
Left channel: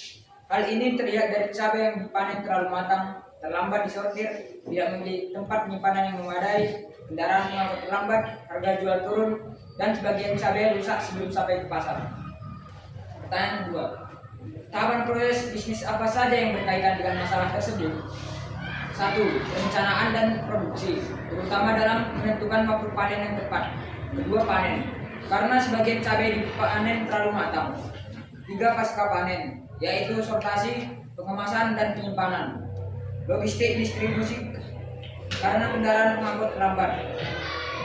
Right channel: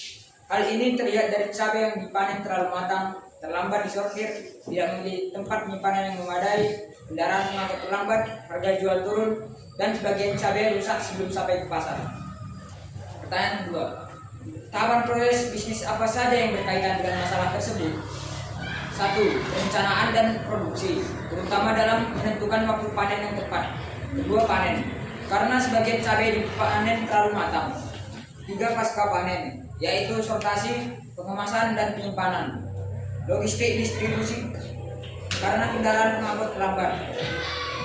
Hal ini terlihat dari cabai yang dipanen terlalu matang, terlambat disortir, tidak memiliki tempat penyimpanan yang memadai, kendaraan pengangkut terlambat, harga jual turun, dan sebagian cabai rusak sebelum sampai ke pasar. Pertanyaan 2. Tahapan proses bisnis apa saja yang berkaitan dengan masalah tersebut? 1. Perencanaan dan produksi, terutama dalam menentukan waktu panen yang tepat. 2. Panen, karena sebagian cabai dipanen terlalu matang. 3. Pasca panen, yaitu sortasi, pengemasan, dan penyimpanan. Logistik distribusi, karena kendaraan pengangkut terlambat.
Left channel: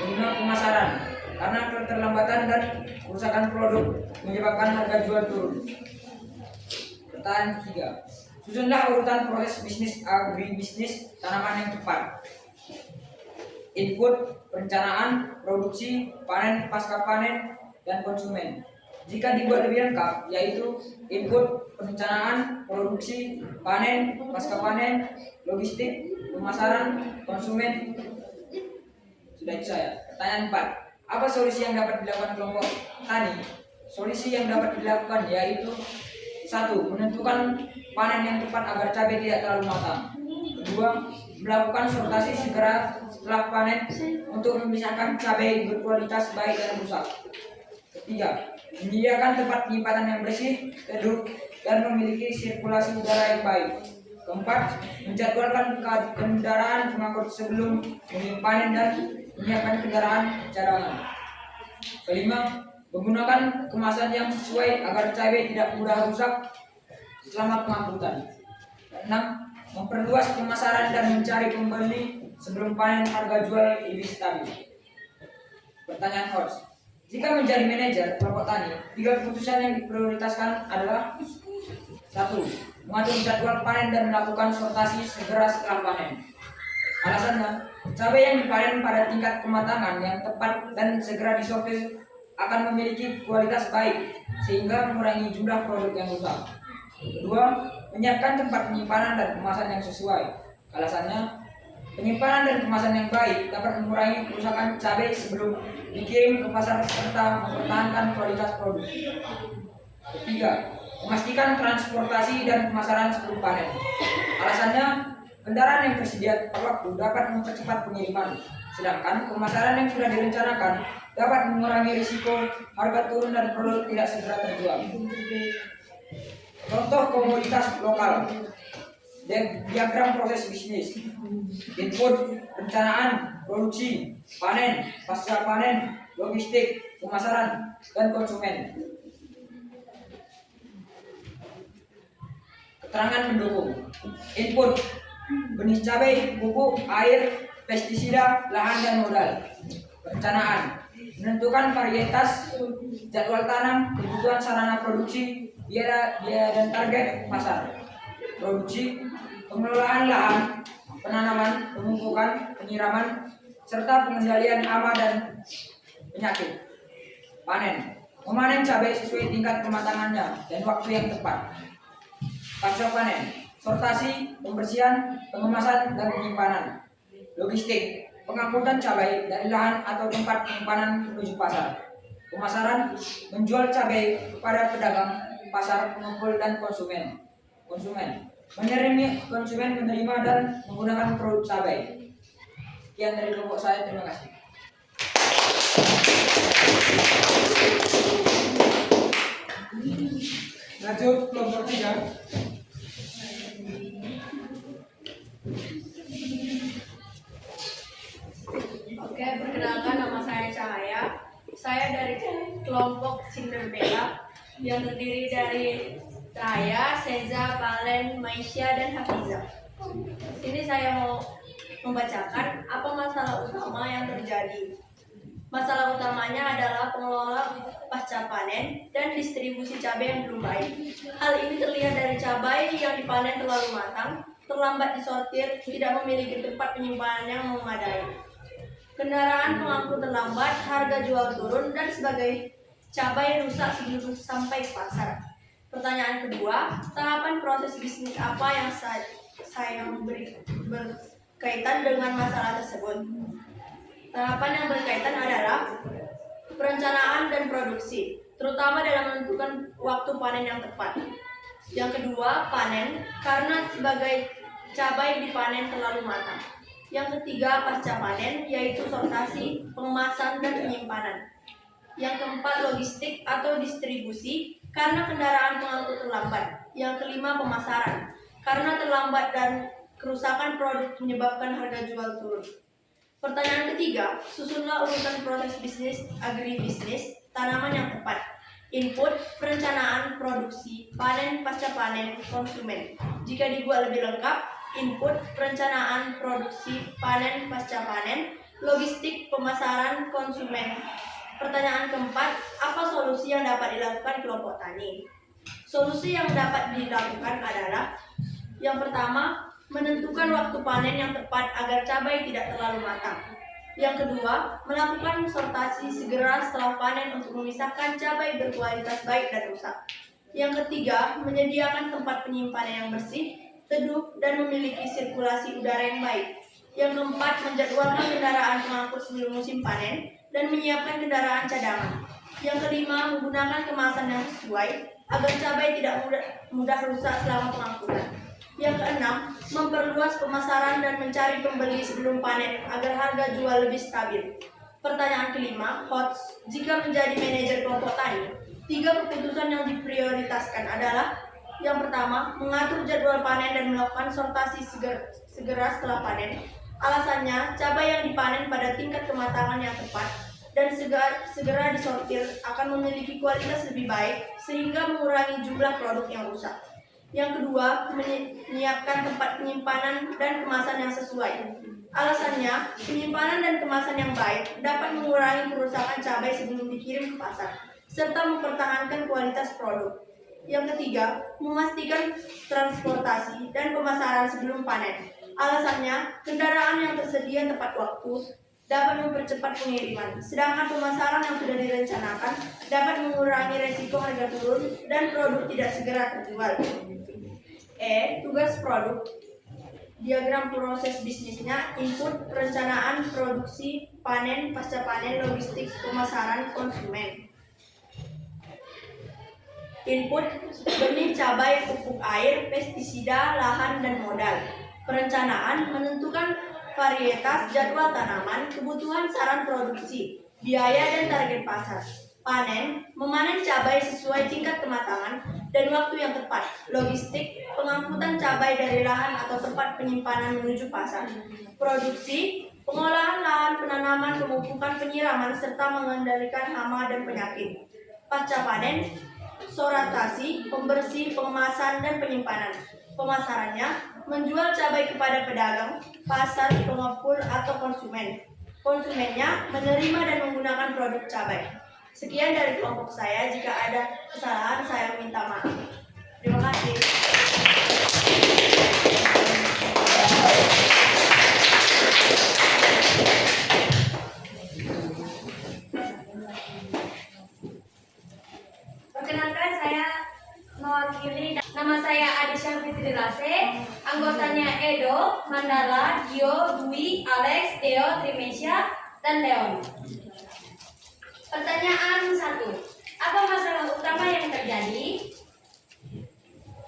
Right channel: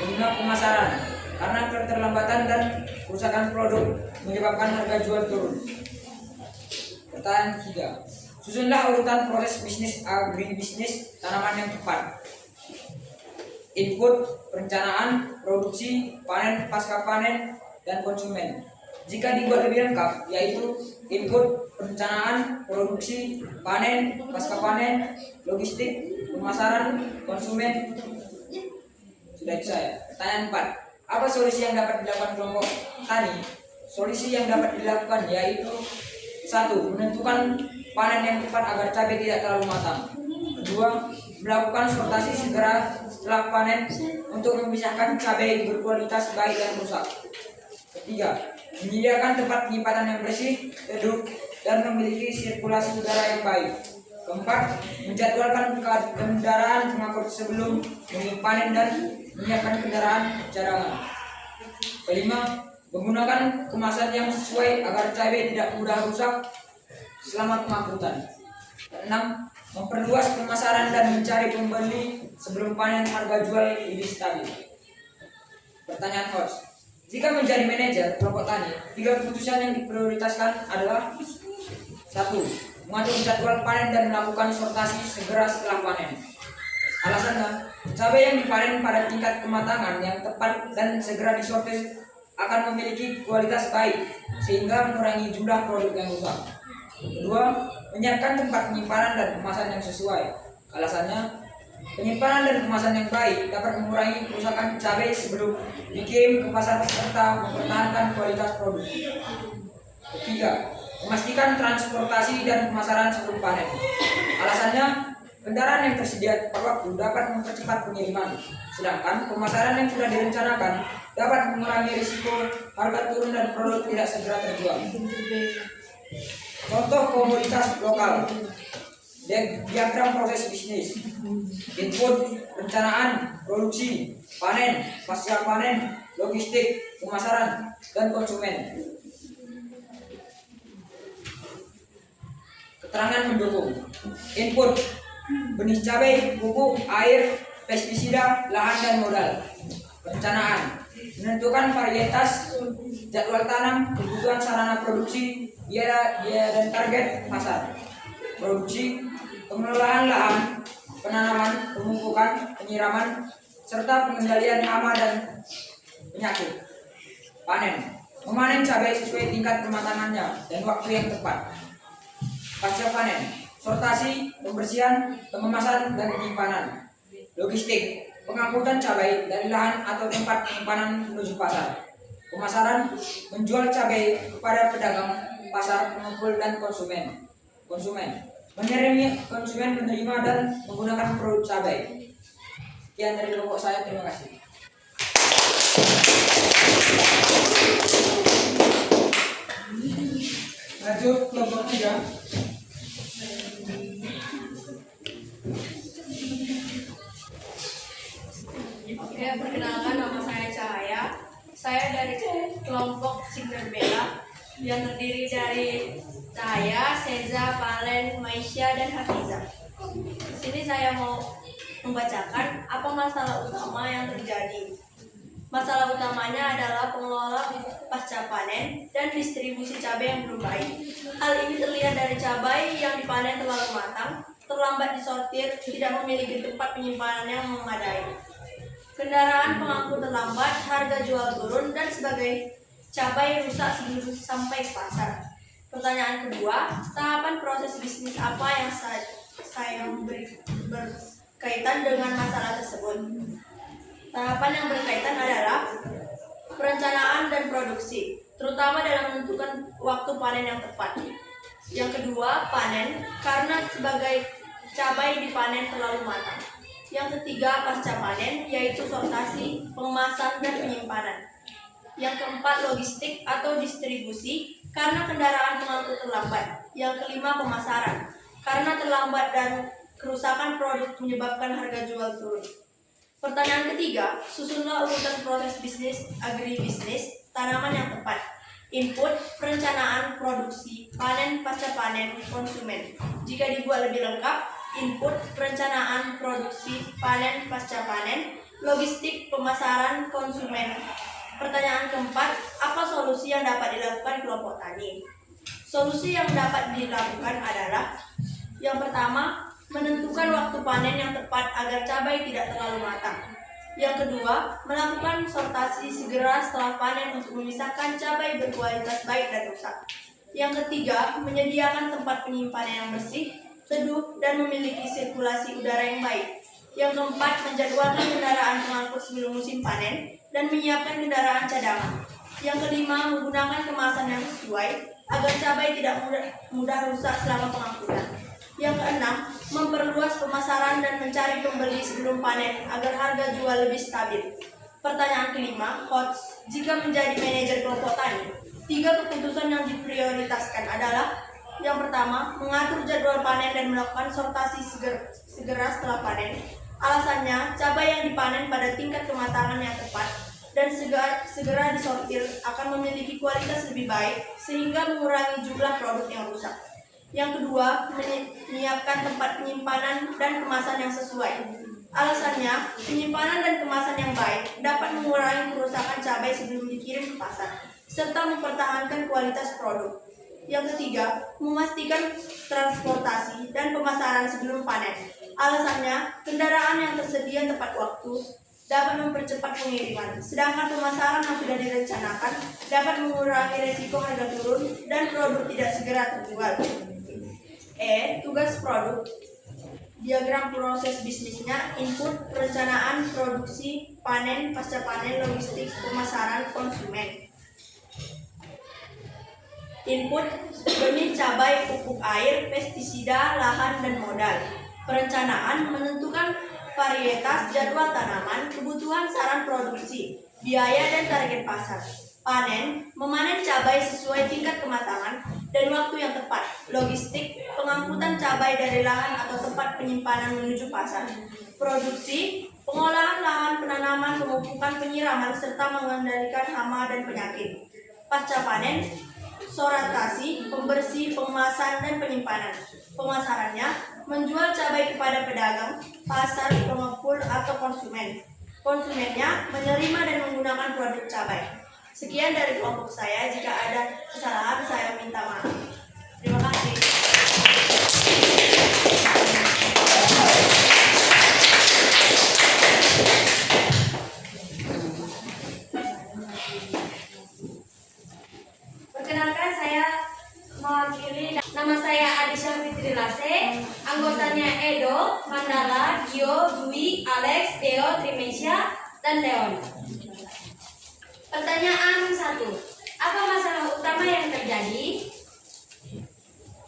5. Pemasaran, karena keterlambatan dan kerusakan produk menyebabkan harga jual turun. Pertanyaan 3. Susunlah urutan proses bisnis agribisnis tanaman yang tepat. Input, perencanaan, produksi, panen, pasca panen, dan konsumen. Jika dibuat lebih lengkap, yaitu input, perencanaan, produksi, panen, pasca panen, logistik, pemasaran, konsumen. Sudah itu saya. Pertanyaan 4. Apa solusi yang dapat dilakukan kelompok tani? Solusi yang dapat dilakukan yaitu: 1. Menentukan panen yang tepat agar cabai tidak terlalu matang. 2. Melakukan sortasi segera setelah panen untuk memisahkan cabai berkualitas baik dan rusak. 3. Menyediakan tempat penyimpanan yang bersih, teduh, dan memiliki sirkulasi udara yang baik. 4. Menjadwalkan kendaraan pengangkut sebelum panen dan menyiapkan kendaraan cadangan. 5. Menggunakan kemasan yang sesuai agar cabai tidak mudah rusak selama pengangkutan. 6. Memperluas pemasaran dan mencari pembeli sebelum panen harga jual lebih stabil. Pertanyaan host. Jika menjadi manajer kelompok tani, 3 keputusan yang diprioritaskan adalah: 1. Mengatur jadwal panen dan melakukan sortasi segera setelah panen. Alasannya, cabai yang dipanen pada tingkat kematangan yang tepat dan segera disortir akan memiliki kualitas baik, sehingga mengurangi jumlah produk yang rusak. Kedua, menyiapkan tempat penyimpanan dan kemasan yang sesuai. Alasannya, penyimpanan dan kemasan yang baik dapat mengurangi kerusakan cabai sebelum dikirim ke pasar serta mempertahankan kualitas produk. Ketiga, memastikan transportasi dan pemasaran sebelum panen. Alasannya, kendaraan yang tersedia tepat waktu dapat mempercepat pengiriman, sedangkan pemasaran yang sudah direncanakan dapat mengurangi risiko harga turun dan produk tidak segera terjual. Contoh komoditas lokal. Diagram proses bisnis: input, perencanaan, produksi, panen, pasca panen, logistik, pemasaran, dan konsumen. Keterangan mendukung: input, benih cabai, pupuk, air, pestisida, lahan, dan modal. Perencanaan: menentukan varietas, jadwal tanam, kebutuhan sarana produksi, biaya dan target pasar. Produksi: pengelolaan lahan, penanaman, pemupukan, penyiraman, serta pengendalian hama dan penyakit. Panen: memanen cabai sesuai tingkat kematangannya dan waktu yang tepat. Pasca panen: sortasi, pembersihan, pengemasan, dan penyimpanan. Logistik: pengangkutan cabai dari lahan atau tempat penyimpanan menuju pasar. Pemasaran: menjual cabai kepada pedagang, pasar, pengepul, dan konsumen. Konsumen menerima dan menggunakan produk cabai. Sekian dari kelompok saya, terima kasih. Lanjut kelompok 3. Oke, perkenalkan nama saya Cahaya. Saya dari kelompok Cinderella yang terdiri dari Cahaya, Seza, Valen, Maisha, dan Hafiza. Di sini saya mau membacakan apa masalah utama yang terjadi. Masalah utamanya adalah pengelola pasca panen dan distribusi cabai yang belum baik. Hal ini terlihat dari cabai yang dipanen terlalu matang, terlambat disortir, tidak memiliki tempat penyimpanan yang memadai. Kendaraan pengangkut terlambat, harga jual turun, dan sebagai cabai rusak sebelum sampai ke pasar. Pertanyaan kedua, tahapan proses bisnis apa yang saya berkaitan dengan masalah tersebut? Tahapan yang berkaitan adalah perencanaan dan produksi, terutama dalam menentukan waktu panen yang tepat. Yang kedua, panen, karena sebagai cabai dipanen terlalu matang. Yang ketiga, pasca panen, yaitu sortasi, pengemasan, dan penyimpanan. Yang keempat, logistik atau distribusi, karena kendaraan pengangkut terlambat. Yang kelima, pemasaran, karena terlambat dan kerusakan produk menyebabkan harga jual turun. Pertanyaan ketiga, susunlah urutan proses bisnis, agribisnis, tanaman yang tepat. Input, perencanaan, produksi, panen, pasca panen, konsumen. Jika dibuat lebih lengkap, input, perencanaan, produksi, panen, pasca panen, logistik, pemasaran, konsumen. Pertanyaan keempat, apa solusi yang dapat dilakukan kelompok tani? Solusi yang dapat dilakukan adalah: yang pertama, menentukan waktu panen yang tepat agar cabai tidak terlalu matang. Yang kedua, melakukan sortasi segera setelah panen untuk memisahkan cabai berkualitas baik dan rusak. Yang ketiga, menyediakan tempat penyimpanan yang bersih, teduh, dan memiliki sirkulasi udara yang baik. Yang keempat, menjadwalkan kendaraan pengangkut sebelum musim panen dan menyiapkan kendaraan cadangan. Yang kelima, menggunakan kemasan yang sesuai agar cabai tidak mudah rusak selama pengangkutan. Yang keenam, memperluas pemasaran dan mencari pembeli sebelum panen agar harga jual lebih stabil. Pertanyaan kelima, hots, jika menjadi manajer kelompok tani, 3 keputusan yang diprioritaskan adalah: yang pertama, mengatur jadwal panen dan melakukan sortasi segera setelah panen. Alasannya, cabai yang dipanen pada tingkat kematangan yang tepat dan segera disortir akan memiliki kualitas lebih baik sehingga mengurangi jumlah produk yang rusak. Yang kedua, menyiapkan tempat penyimpanan dan kemasan yang sesuai. Alasannya, penyimpanan dan kemasan yang baik dapat mengurangi kerusakan cabai sebelum dikirim ke pasar, serta mempertahankan kualitas produk. Yang ketiga, memastikan transportasi dan pemasaran sebelum panen. Alasannya, kendaraan yang tersedia tepat waktu dapat mempercepat pengiriman, sedangkan pemasaran yang sudah direncanakan dapat mengurangi resiko harga turun dan produk tidak segera terjual. Tugas produk. Diagram proses bisnisnya: input, perencanaan, produksi, panen, pasca panen, logistik, pemasaran, konsumen. Input: benih, cabai, pupuk air, pestisida, lahan, dan modal. Perencanaan: menentukan varietas, jadwal tanaman, kebutuhan saran produksi, biaya, dan target pasar. Panen: memanen cabai sesuai tingkat kematangan dan waktu yang tepat. Logistik: pengangkutan cabai dari lahan atau tempat penyimpanan menuju pasar. Produksi: pengolahan lahan, penanaman, pemupukan, penyiraman, serta mengendalikan hama dan penyakit. Pasca panen: sortasi, pembersih, pengemasan, dan penyimpanan. Pemasarannya: menjual cabai kepada pedagang, pasar, pengepul, atau konsumen. Konsumennya: menerima dan menggunakan produk cabai. Sekian dari kelompok saya. Jika ada kesalahan, saya minta maaf. Terima kasih. Perkenalkan, saya mewakili. Nama saya Adisha Fitri Lase. Anggotanya Edo, Mandala, Gio, Dwi, Alex, Deo, Trimesha, dan Leon. Pertanyaan 1. Apa masalah utama yang terjadi?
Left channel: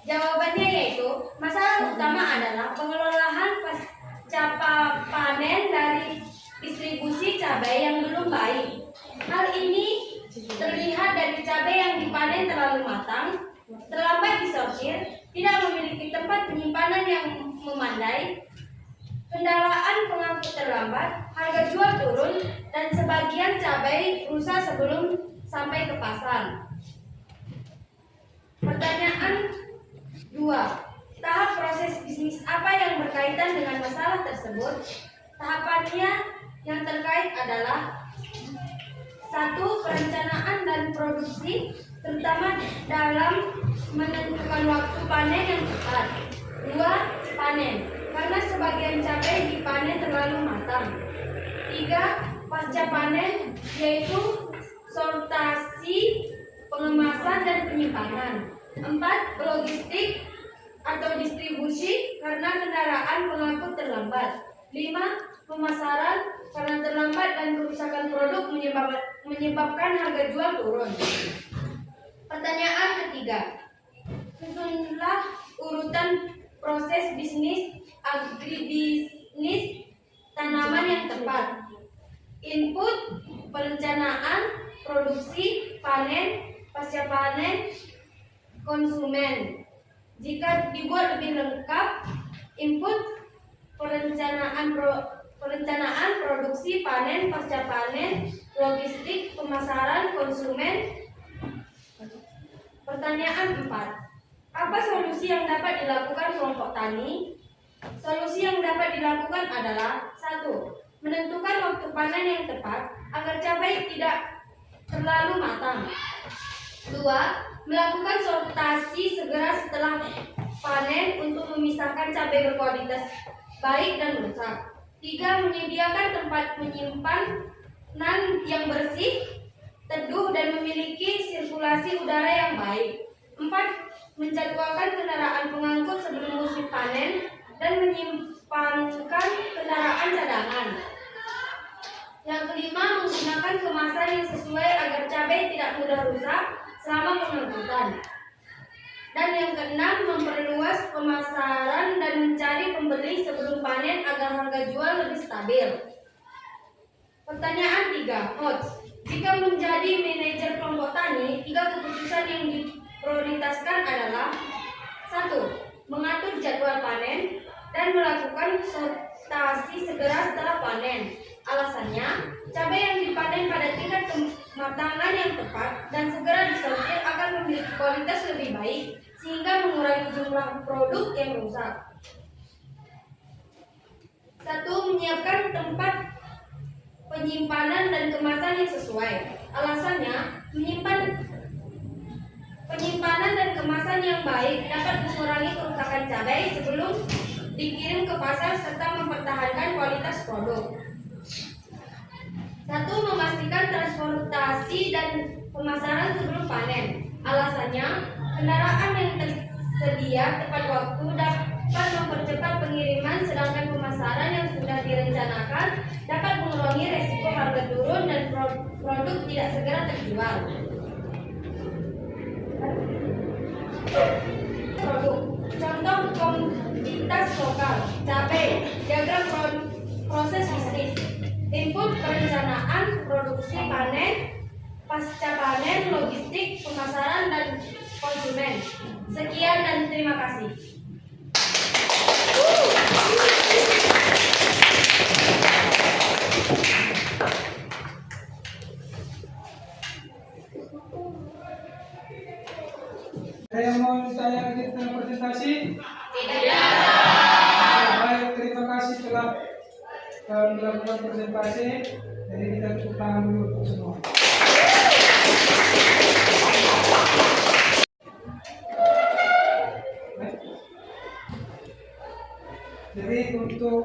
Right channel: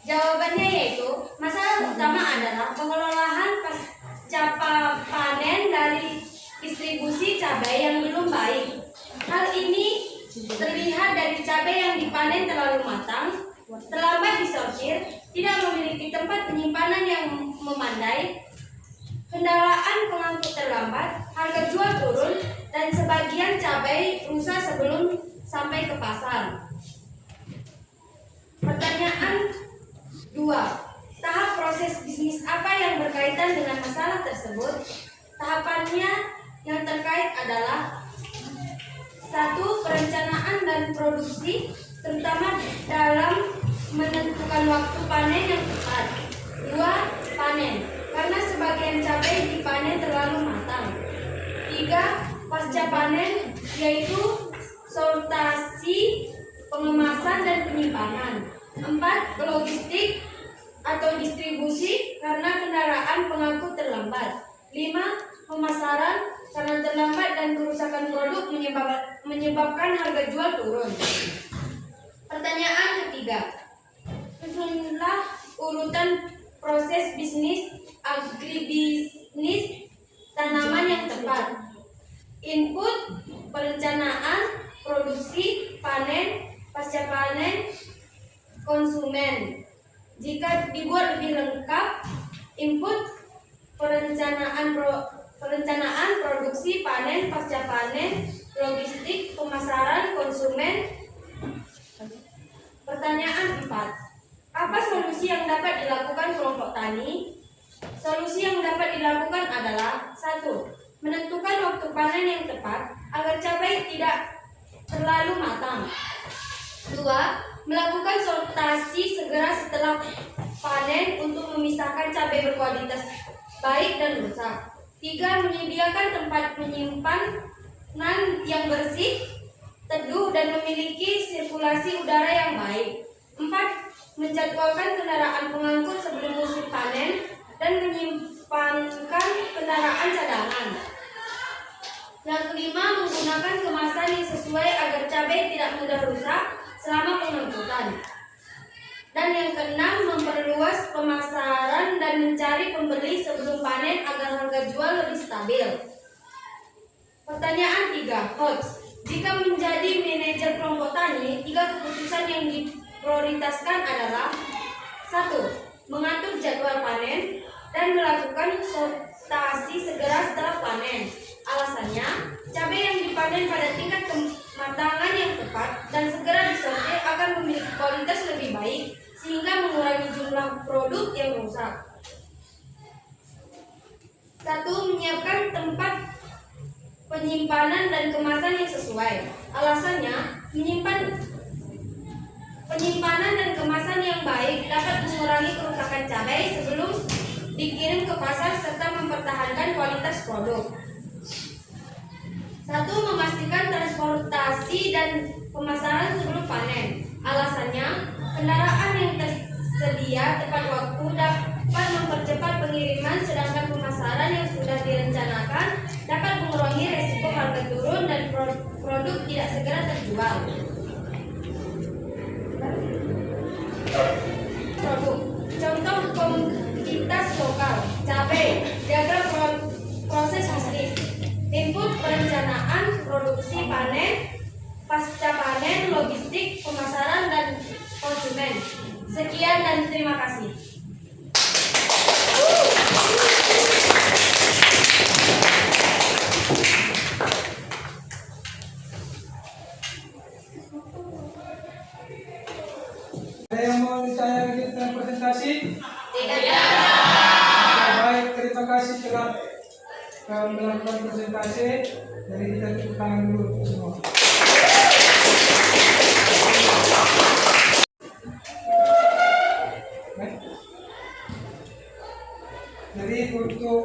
Jawabannya yaitu, masalah utama adalah pengelolaan pasca panen dari distribusi cabai yang belum baik. Hal ini terlihat dari cabai yang dipanen terlalu matang, terlambat disortir, tidak memiliki tempat penyimpanan yang memandai, kendaraan pengangkut terlambat, harga jual turun, dan sebagian cabai rusak sebelum sampai ke pasar. Pertanyaan 2. Tahap proses bisnis apa yang berkaitan dengan masalah tersebut? Tahapannya yang terkait adalah: 1. Perencanaan dan produksi, terutama dalam menentukan waktu panen yang tepat. 2. Panen, karena sebagian cabai dipanen terlalu matang. 3. Pasca panen, yaitu sortasi, pengemasan, dan penyimpanan. 4. Logistik atau distribusi, karena kendaraan pengangkut terlambat. 5. Pemasaran, karena terlambat dan kerusakan produk menyebabkan harga jual turun. Pertanyaan ketiga. Susunlah urutan proses bisnis agribisnis tanaman yang tepat. Input, perencanaan, produksi, panen, pasca panen, konsumen. Jika dibuat lebih lengkap: input, perencanaan, produksi, panen, pasca panen, logistik, pemasaran, konsumen. Pertanyaan 4. Apa solusi yang dapat dilakukan kelompok tani? Solusi yang dapat dilakukan adalah: 1. Menentukan waktu panen yang tepat agar cabai tidak terlalu matang. 2. Melakukan sortasi segera setelah panen untuk memisahkan cabai berkualitas baik dan rusak. 3. Menyediakan tempat penyimpanan yang bersih, teduh, dan memiliki sirkulasi udara yang baik. 4. Menjadwalkan kendaraan pengangkut sebelum musim panen dan menyimpankan kendaraan cadangan. Yang kelima, menggunakan kemasan yang sesuai agar cabai tidak mudah rusak selama pengangkutan. Dan yang keenam, memperluas pemasaran dan mencari pembeli sebelum panen agar harga jual lebih stabil. Pertanyaan 3. Hots. Jika menjadi manajer kelompok tani, 3 keputusan yang diprioritaskan adalah: 1. Mengatur jadwal panen dan melakukan sortasi segera setelah panen. Alasannya, cabai yang dipanen pada tingkat kematangan yang tepat dan segera disortir akan memiliki kualitas lebih baik sehingga mengurangi jumlah produk yang rusak. Satu, menyiapkan tempat penyimpanan dan kemasan yang sesuai. Alasannya, penyimpanan dan kemasan yang baik dapat mengurangi kerusakan cabai sebelum dikirim ke pasar serta mempertahankan kualitas produk. Satu, memastikan transportasi dan pemasaran sebelum panen. Alasannya, kendaraan yang tersedia tepat waktu dapat mempercepat pengiriman, sedangkan pemasaran yang sudah direncanakan dapat mengurangi resiko harga turun dan produk tidak segera terjual. Produk. Contoh komoditas lokal, cabai, diagram proses bisnis, input perencanaan, produksi, panen, pasca panen, logistik, pemasaran, dan konsumen. Sekian dan terima kasih. Ada yang mau ditanya lagi tentang presentasi? Tidak. Baik, terima kasih telah melakukan presentasi. Jadi kita tepuk tangan dulu untuk semua. Baik. Jadi untuk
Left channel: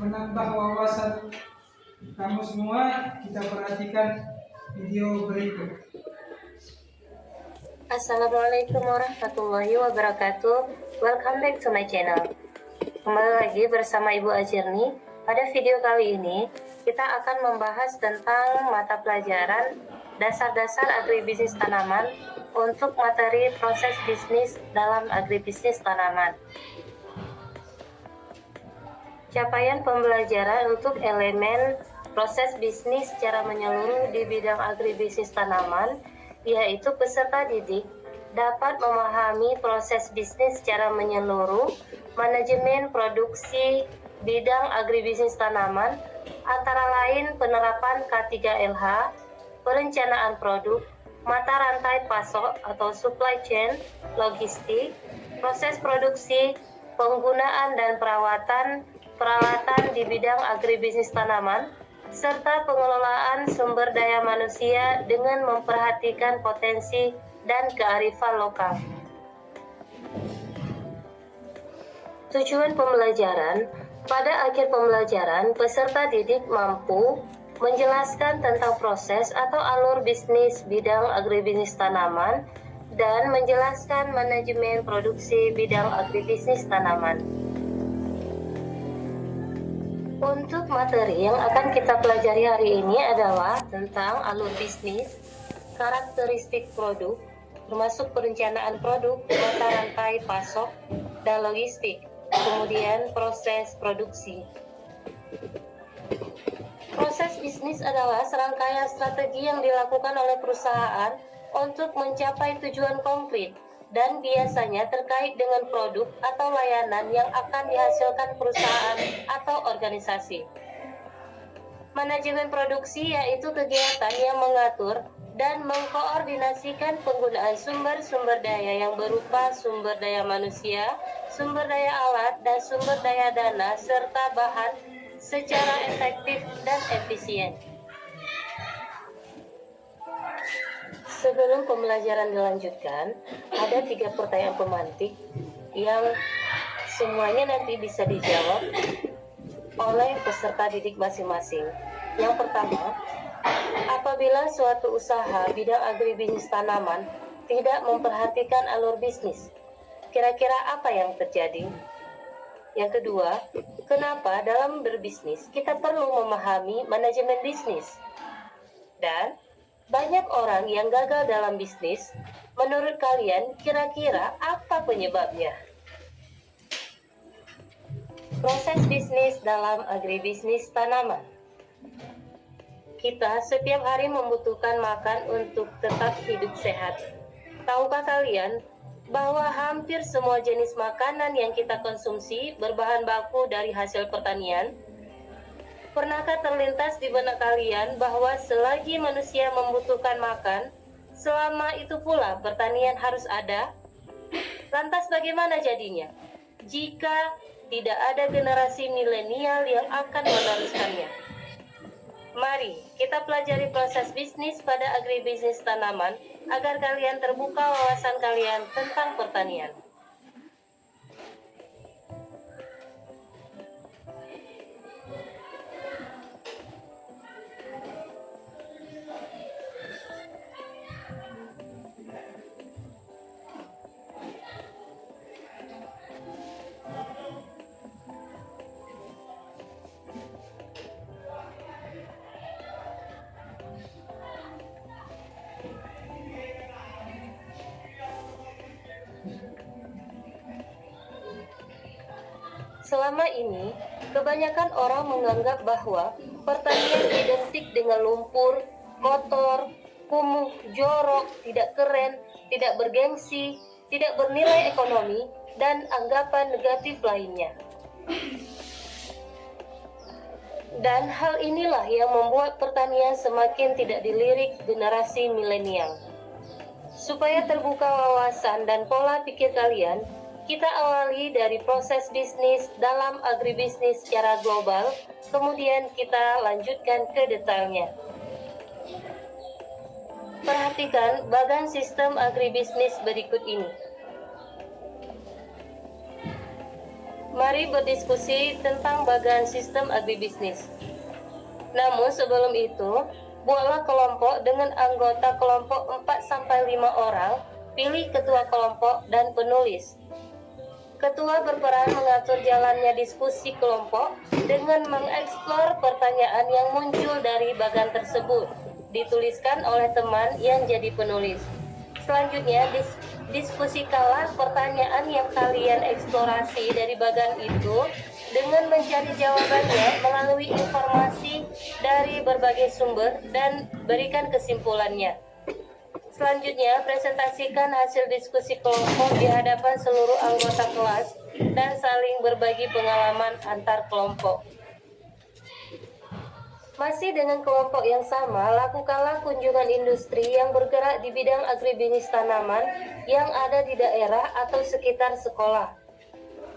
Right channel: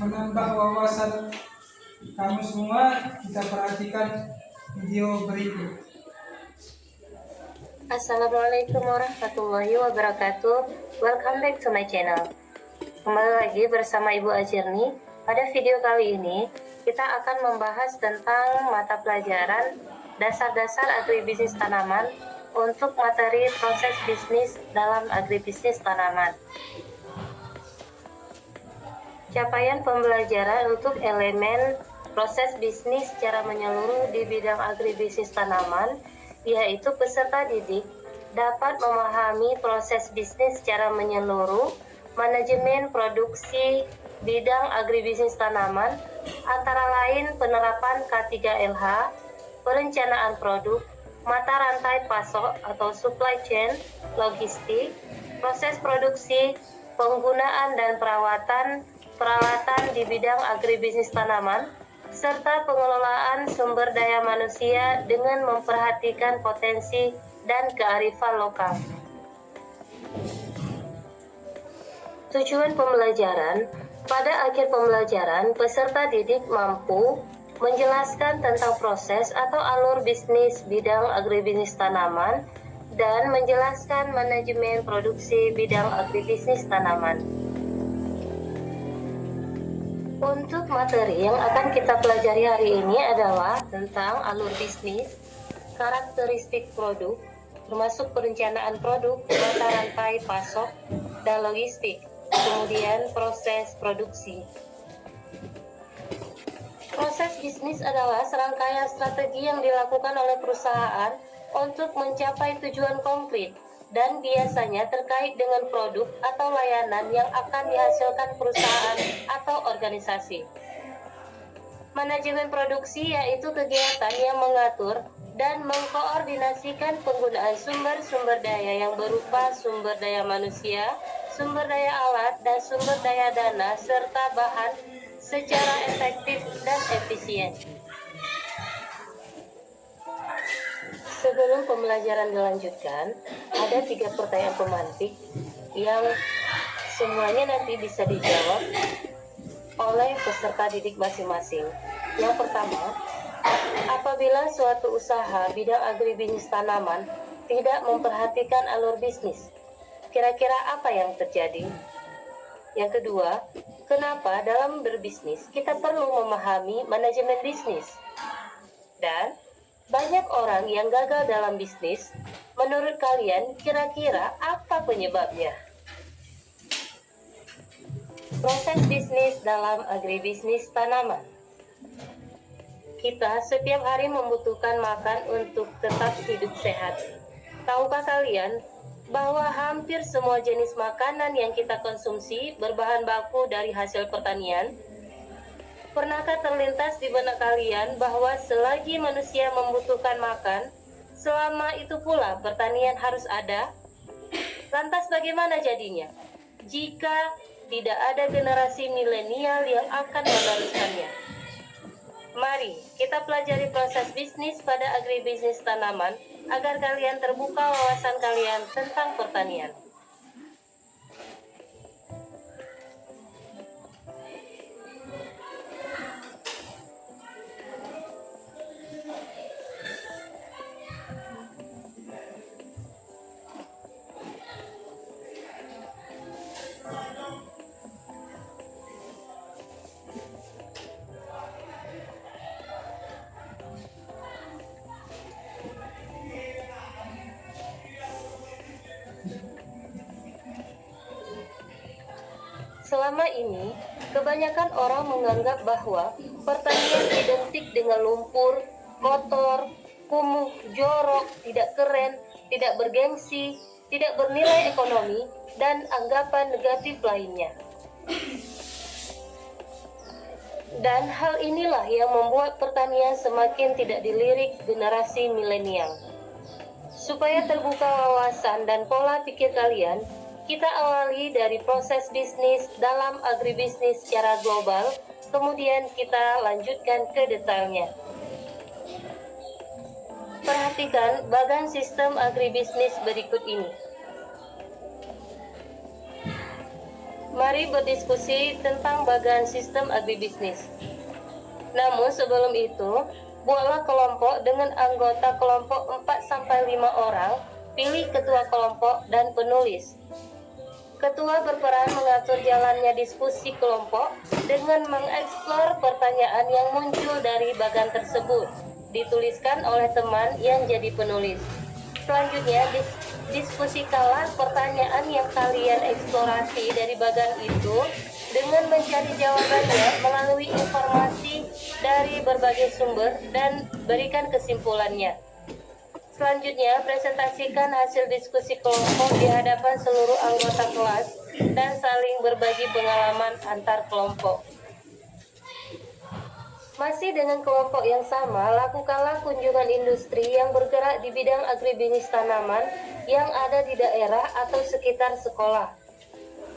menambah wawasan kamu semua, kita perhatikan video berikut. Assalamualaikum warahmatullahi wabarakatuh. Welcome back to my channel. Kembali lagi bersama Ibu Ajirni. Pada video kali ini kita akan membahas tentang mata pelajaran dasar-dasar agribisnis tanaman untuk materi proses bisnis dalam agribisnis tanaman. Capaian pembelajaran untuk elemen proses bisnis secara menyeluruh di bidang agribisnis tanaman, yaitu peserta didik dapat memahami proses bisnis secara menyeluruh, manajemen produksi bidang agribisnis tanaman, antara lain penerapan K3LH, perencanaan produk, mata rantai pasok atau supply chain, logistik, proses produksi, penggunaan dan peralatan di bidang agribisnis tanaman, serta pengelolaan sumber daya manusia dengan memperhatikan potensi dan kearifan lokal. Tujuan pembelajaran: pada akhir pembelajaran, peserta didik mampu menjelaskan tentang proses atau alur bisnis bidang agribisnis tanaman dan menjelaskan manajemen produksi bidang agribisnis tanaman. Untuk materi yang akan kita pelajari hari ini adalah tentang alur bisnis, karakteristik produk, termasuk perencanaan produk, mata rantai pasok, dan logistik, kemudian proses produksi. Proses bisnis adalah serangkaian strategi yang dilakukan oleh perusahaan untuk mencapai tujuan konkret dan biasanya terkait dengan produk atau layanan yang akan dihasilkan perusahaan atau organisasi. Manajemen produksi yaitu kegiatan yang mengatur dan mengkoordinasikan penggunaan sumber-sumber daya yang berupa sumber daya manusia, sumber daya alat, dan sumber daya dana serta bahan secara efektif dan efisien. Sebelum pembelajaran dilanjutkan, ada 3 pertanyaan pemantik yang semuanya nanti bisa dijawab oleh peserta didik masing-masing. Yang pertama, apabila suatu usaha bidang agribisnis tanaman tidak memperhatikan alur bisnis, kira-kira apa yang terjadi? Yang kedua, kenapa dalam berbisnis kita perlu memahami manajemen bisnis? Dan banyak orang yang gagal dalam bisnis, menurut kalian kira-kira apa penyebabnya? Proses bisnis dalam agribisnis tanaman. Kita setiap hari membutuhkan makan untuk tetap hidup sehat. Tahukah kalian bahwa hampir semua jenis makanan yang kita konsumsi berbahan baku dari hasil pertanian? Pernahkah terlintas di benak kalian bahwa selagi manusia membutuhkan makan, selama itu pula pertanian harus ada? Lantas bagaimana jadinya jika tidak ada generasi milenial yang akan meneruskannya. Mari kita pelajari proses bisnis pada agribisnis tanaman agar kalian terbuka wawasan kalian tentang pertanian. Selama ini, kebanyakan orang menganggap bahwa pertanian identik dengan lumpur, kotor, kumuh, jorok, tidak keren, tidak bergengsi, tidak bernilai ekonomi, dan anggapan negatif lainnya. Dan hal inilah yang membuat pertanian semakin tidak dilirik generasi milenial. Supaya terbuka wawasan dan pola pikir kalian, kita awali dari proses bisnis dalam agribisnis secara global, kemudian kita lanjutkan ke detailnya. Perhatikan bagan sistem agribisnis berikut ini. Mari berdiskusi tentang bagan sistem agribisnis. Namun sebelum itu, buatlah kelompok dengan anggota kelompok 4-5 orang, pilih ketua kelompok dan penulis. Ketua berperan mengatur jalannya diskusi kelompok dengan mengeksplor pertanyaan yang muncul dari bagan tersebut, dituliskan oleh teman yang jadi penulis. Selanjutnya, diskusikanlah pertanyaan yang kalian eksplorasi dari bagan itu dengan mencari jawabannya melalui informasi dari berbagai sumber dan berikan kesimpulannya. Selanjutnya, presentasikan hasil diskusi kelompok di hadapan seluruh anggota kelas dan saling berbagi pengalaman antar kelompok. Masih dengan kelompok yang sama, lakukanlah kunjungan industri yang bergerak di bidang agribisnis tanaman yang ada di daerah atau sekitar sekolah.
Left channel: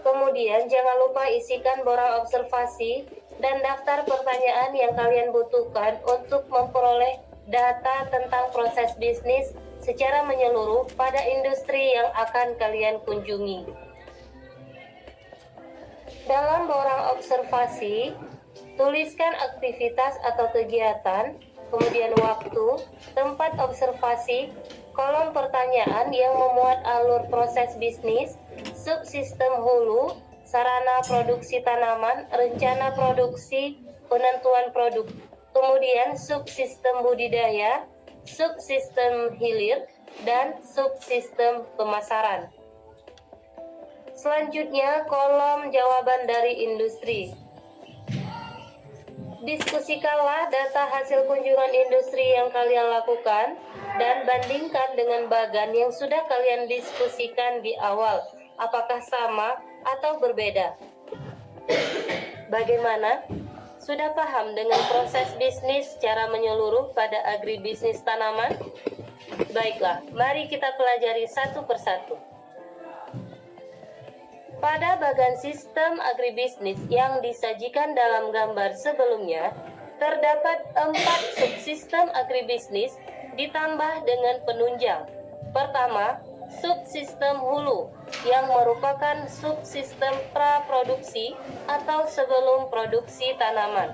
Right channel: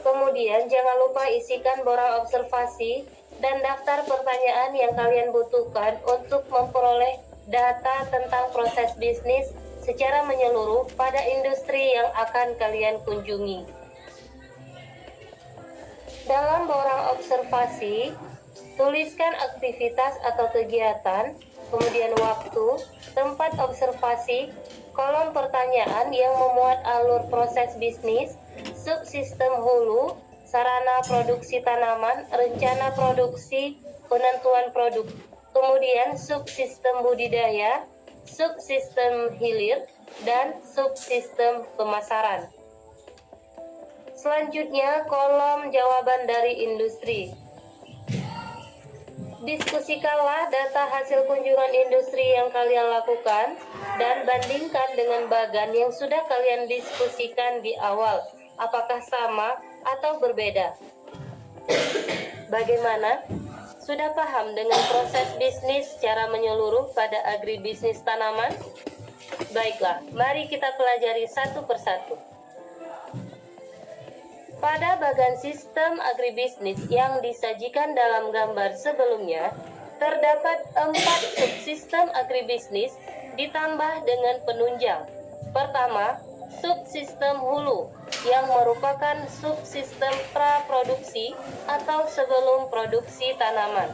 Kemudian, jangan lupa isikan borang observasi dan daftar pertanyaan yang kalian butuhkan untuk memperoleh data tentang proses bisnis secara menyeluruh pada industri yang akan kalian kunjungi. Dalam borang observasi, tuliskan aktivitas atau kegiatan, kemudian waktu, tempat observasi, kolom pertanyaan yang memuat alur proses bisnis, subsistem hulu, sarana produksi tanaman, rencana produksi, penentuan produk. Kemudian subsistem budidaya, subsistem hilir, dan subsistem pemasaran. Selanjutnya, kolom jawaban dari industri. Diskusikanlah data hasil kunjungan industri yang kalian lakukan dan bandingkan dengan bagan yang sudah kalian diskusikan di awal. Apakah sama atau berbeda? Bagaimana? Sudah paham dengan proses bisnis secara menyeluruh pada agribisnis tanaman? Baiklah, mari kita pelajari satu persatu. Pada bagan sistem agribisnis yang disajikan dalam gambar sebelumnya, terdapat 4 subsistem agribisnis ditambah dengan penunjang. Pertama, subsistem hulu yang merupakan subsistem praproduksi atau sebelum produksi tanaman.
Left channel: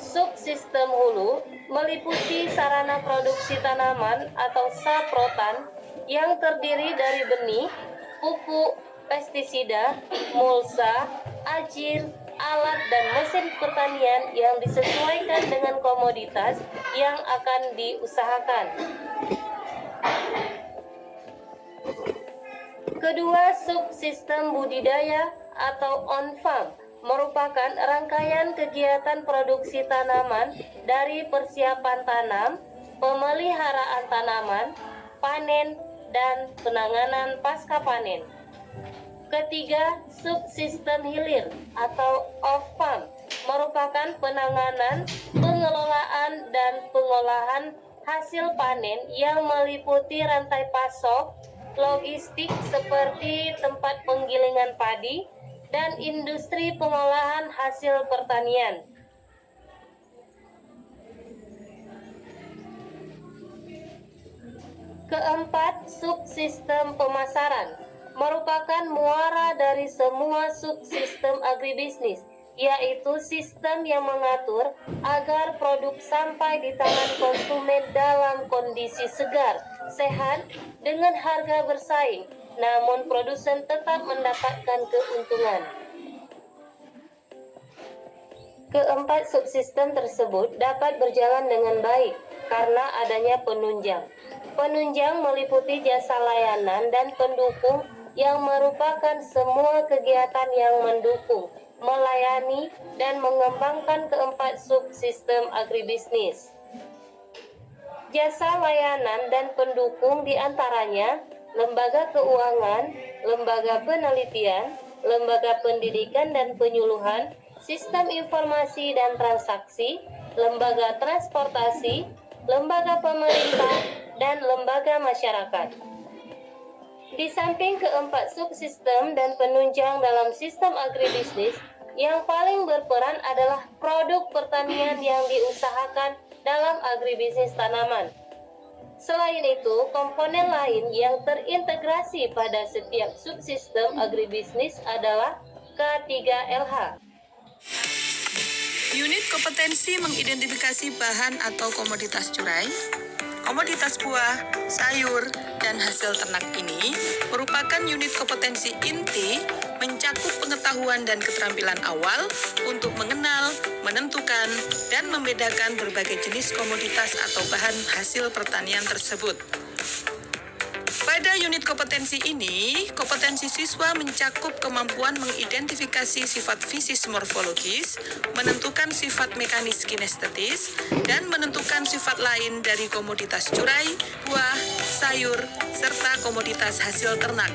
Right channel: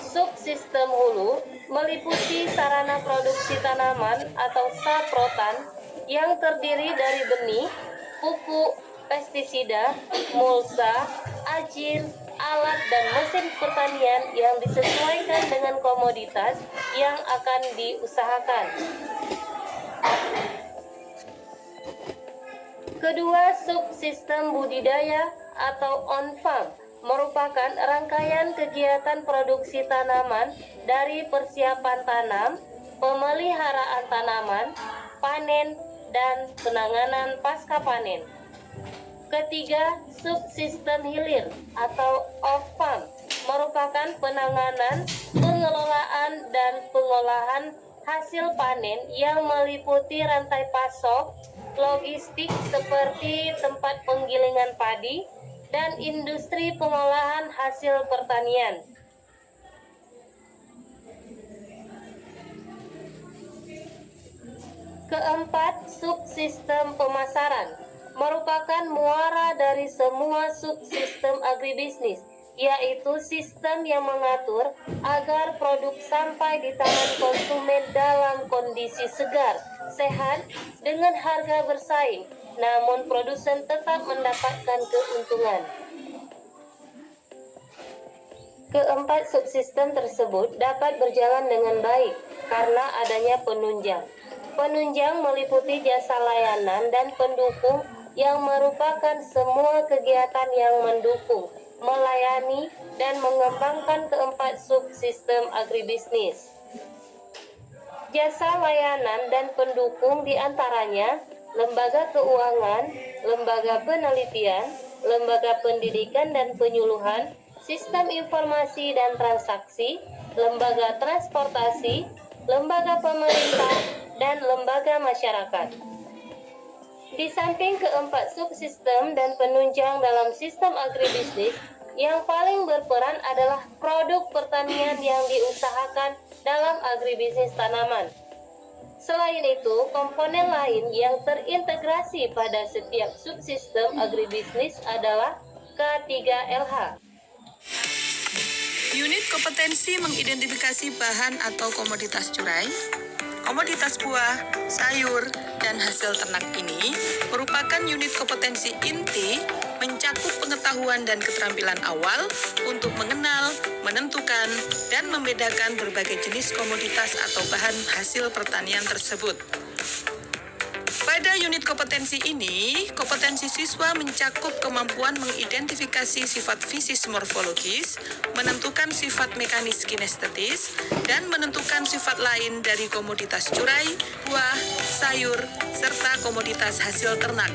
Subsistem hulu meliputi sarana produksi tanaman atau saprotan yang terdiri dari benih, pupuk, pestisida, mulsa, ajir, alat dan mesin pertanian yang disesuaikan dengan komoditas yang akan diusahakan. Kedua, subsistem budidaya atau on-farm merupakan rangkaian kegiatan produksi tanaman dari persiapan tanam, pemeliharaan tanaman, panen, dan penanganan pasca panen. Ketiga, subsistem hilir atau off-farm merupakan penanganan, pengelolaan, dan pengolahan hasil panen yang meliputi rantai pasok, logistik seperti tempat penggilingan padi, dan industri pengolahan hasil pertanian. Keempat, subsistem pemasaran merupakan muara dari semua subsistem agribisnis, yaitu sistem yang mengatur agar produk sampai di tangan konsumen dalam kondisi segar, sehat, dengan harga bersaing, namun produsen tetap mendapatkan keuntungan. Keempat subsistem tersebut dapat berjalan dengan baik karena adanya penunjang. Penunjang meliputi jasa layanan dan pendukung yang merupakan semua kegiatan yang mendukung, melayani, dan mengembangkan keempat subsistem agribisnis. Jasa layanan dan pendukung diantaranya lembaga keuangan, lembaga penelitian, lembaga pendidikan dan penyuluhan, sistem informasi dan transaksi, lembaga transportasi, lembaga pemerintah, dan lembaga masyarakat. Di samping keempat subsistem dan penunjang dalam sistem agribisnis, yang paling berperan adalah produk pertanian yang diusahakan dalam agribisnis tanaman. Selain itu, komponen lain yang terintegrasi pada setiap subsistem agribisnis adalah K3LH. Unit kompetensi mengidentifikasi bahan atau komoditas curai, komoditas buah, sayur, dan hasil ternak ini merupakan unit kompetensi inti mencakup pengetahuan dan keterampilan awal untuk mengenal, menentukan, dan membedakan berbagai jenis komoditas atau bahan hasil pertanian tersebut. Pada unit kompetensi ini, kompetensi siswa mencakup kemampuan mengidentifikasi sifat fisis morfologis, menentukan sifat mekanis kinestetis, dan menentukan sifat lain dari komoditas curai, buah, sayur, serta komoditas hasil ternak.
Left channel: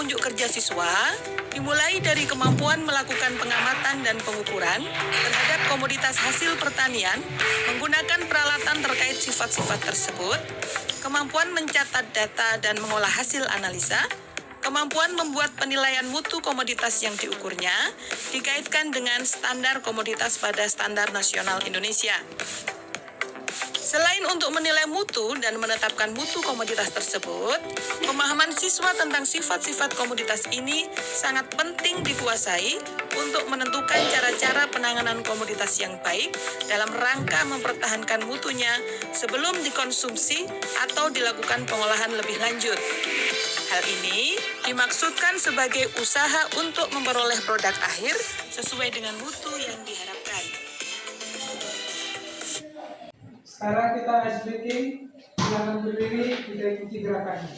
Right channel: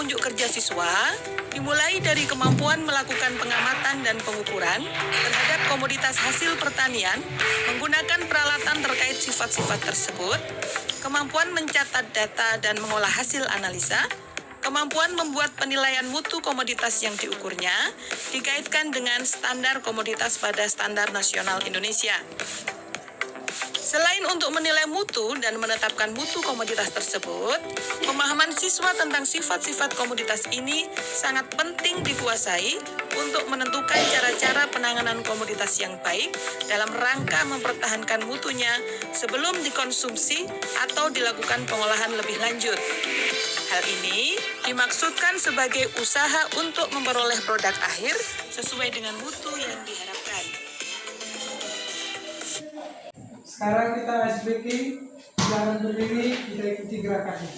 Unjuk kerja siswa dimulai dari kemampuan melakukan pengamatan dan pengukuran terhadap komoditas hasil pertanian menggunakan peralatan terkait sifat-sifat tersebut, kemampuan mencatat data dan mengolah hasil analisa, kemampuan membuat penilaian mutu komoditas yang diukurnya dikaitkan dengan standar komoditas pada standar nasional Indonesia. Selain untuk menilai mutu dan menetapkan mutu komoditas tersebut, pemahaman siswa tentang sifat-sifat komoditas ini sangat penting dikuasai untuk menentukan cara-cara penanganan komoditas yang baik dalam rangka mempertahankan mutunya sebelum dikonsumsi atau dilakukan pengolahan lebih lanjut. Hal ini dimaksudkan sebagai usaha untuk memperoleh produk akhir sesuai dengan mutu yang diharapkan. Sekarang kita ice breaking, silakan berdiri, kita ikuti gerakannya.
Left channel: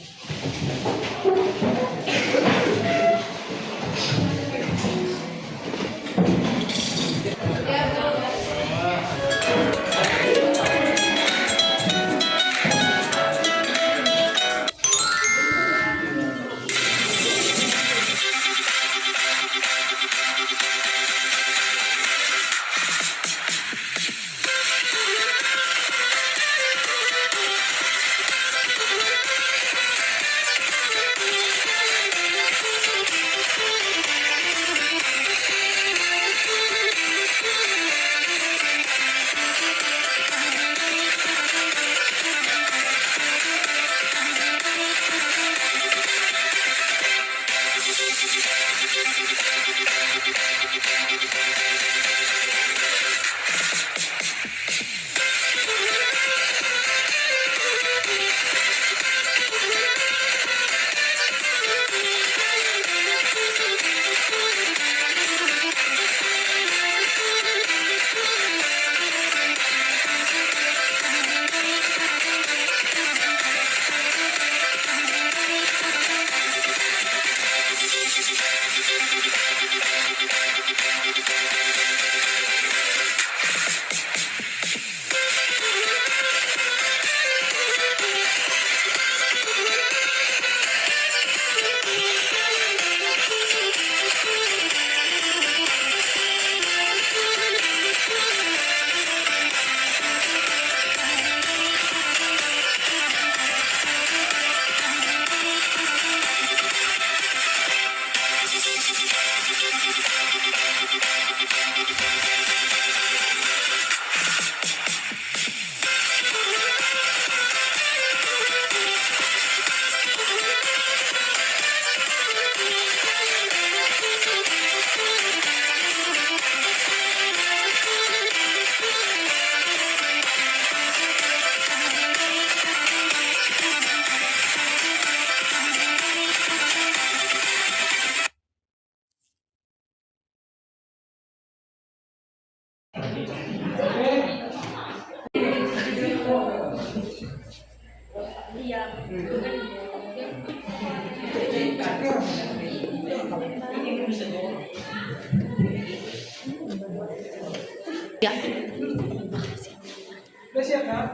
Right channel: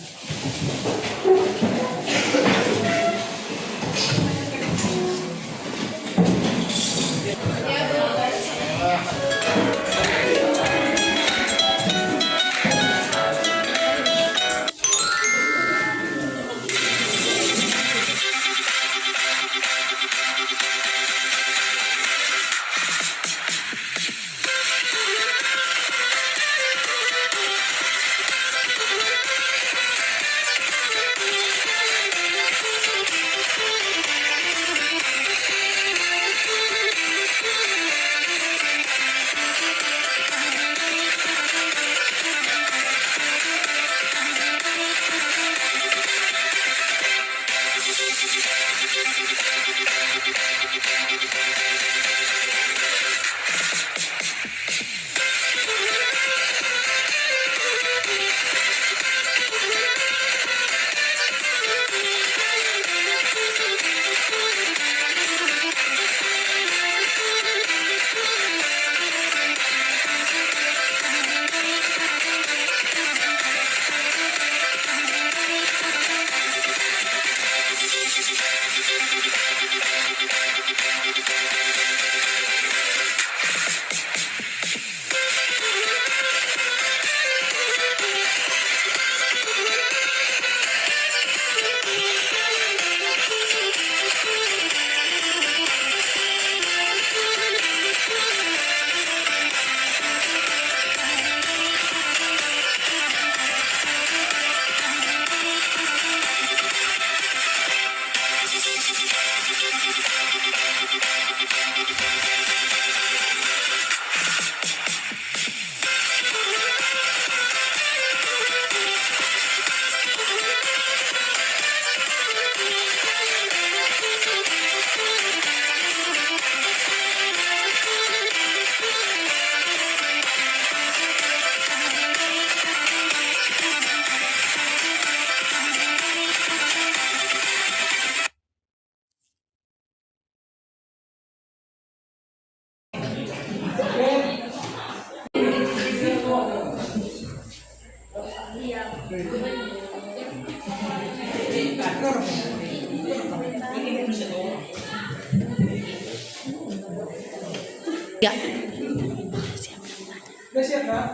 Udah siap kan?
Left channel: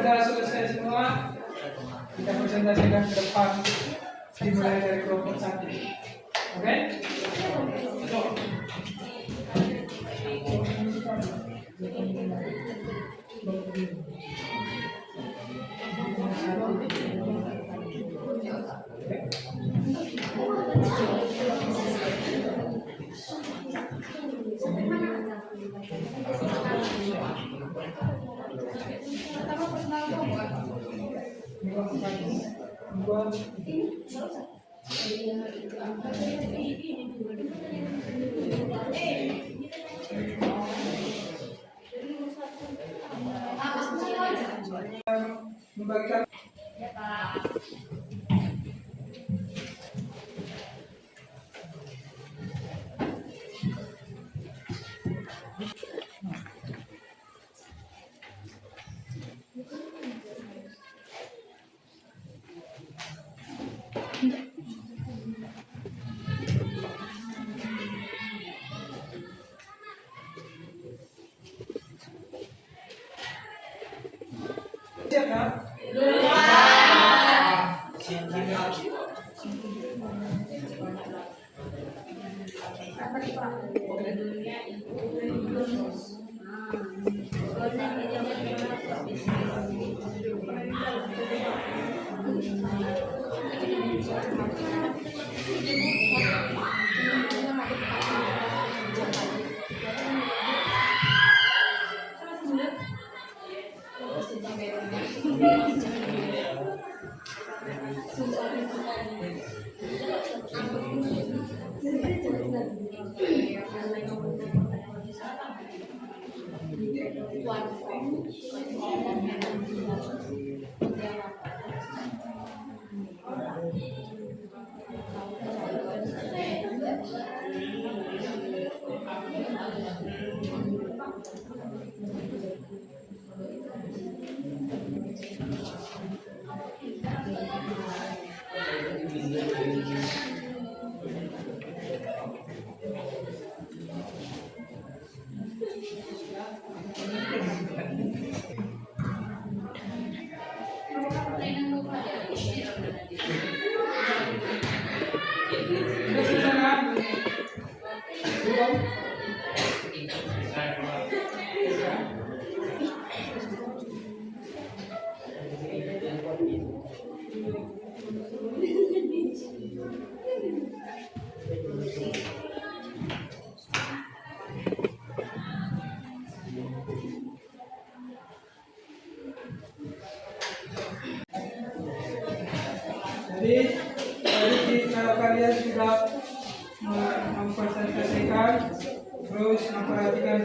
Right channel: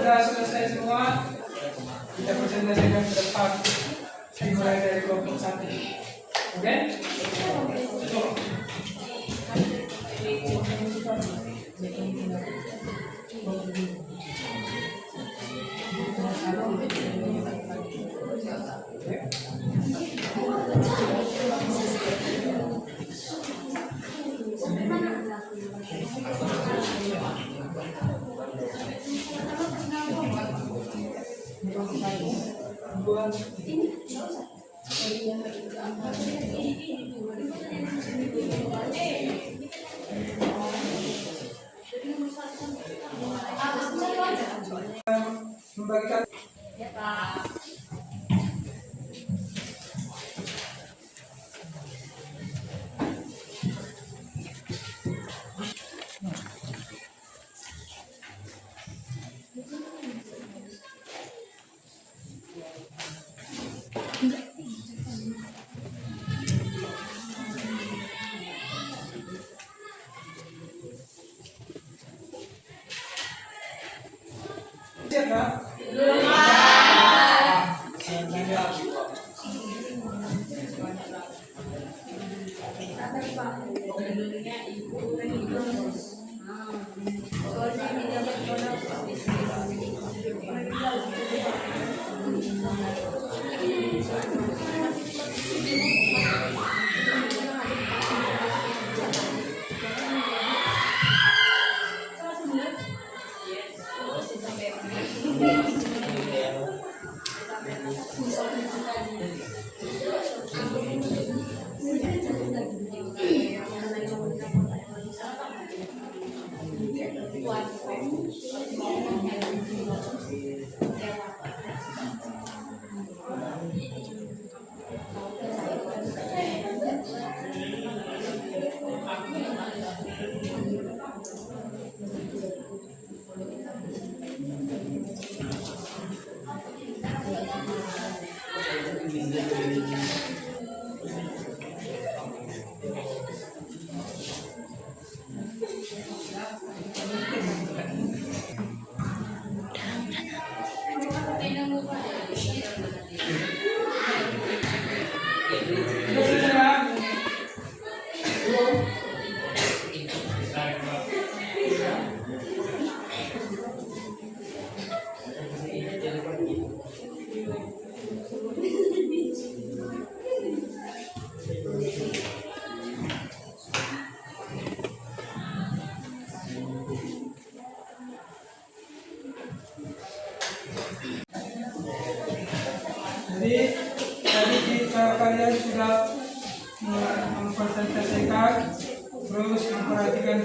Kalau sudah selesai semua, kita presentasikan ke depan. Dimulai dari kelompok 1. Oke? Dua.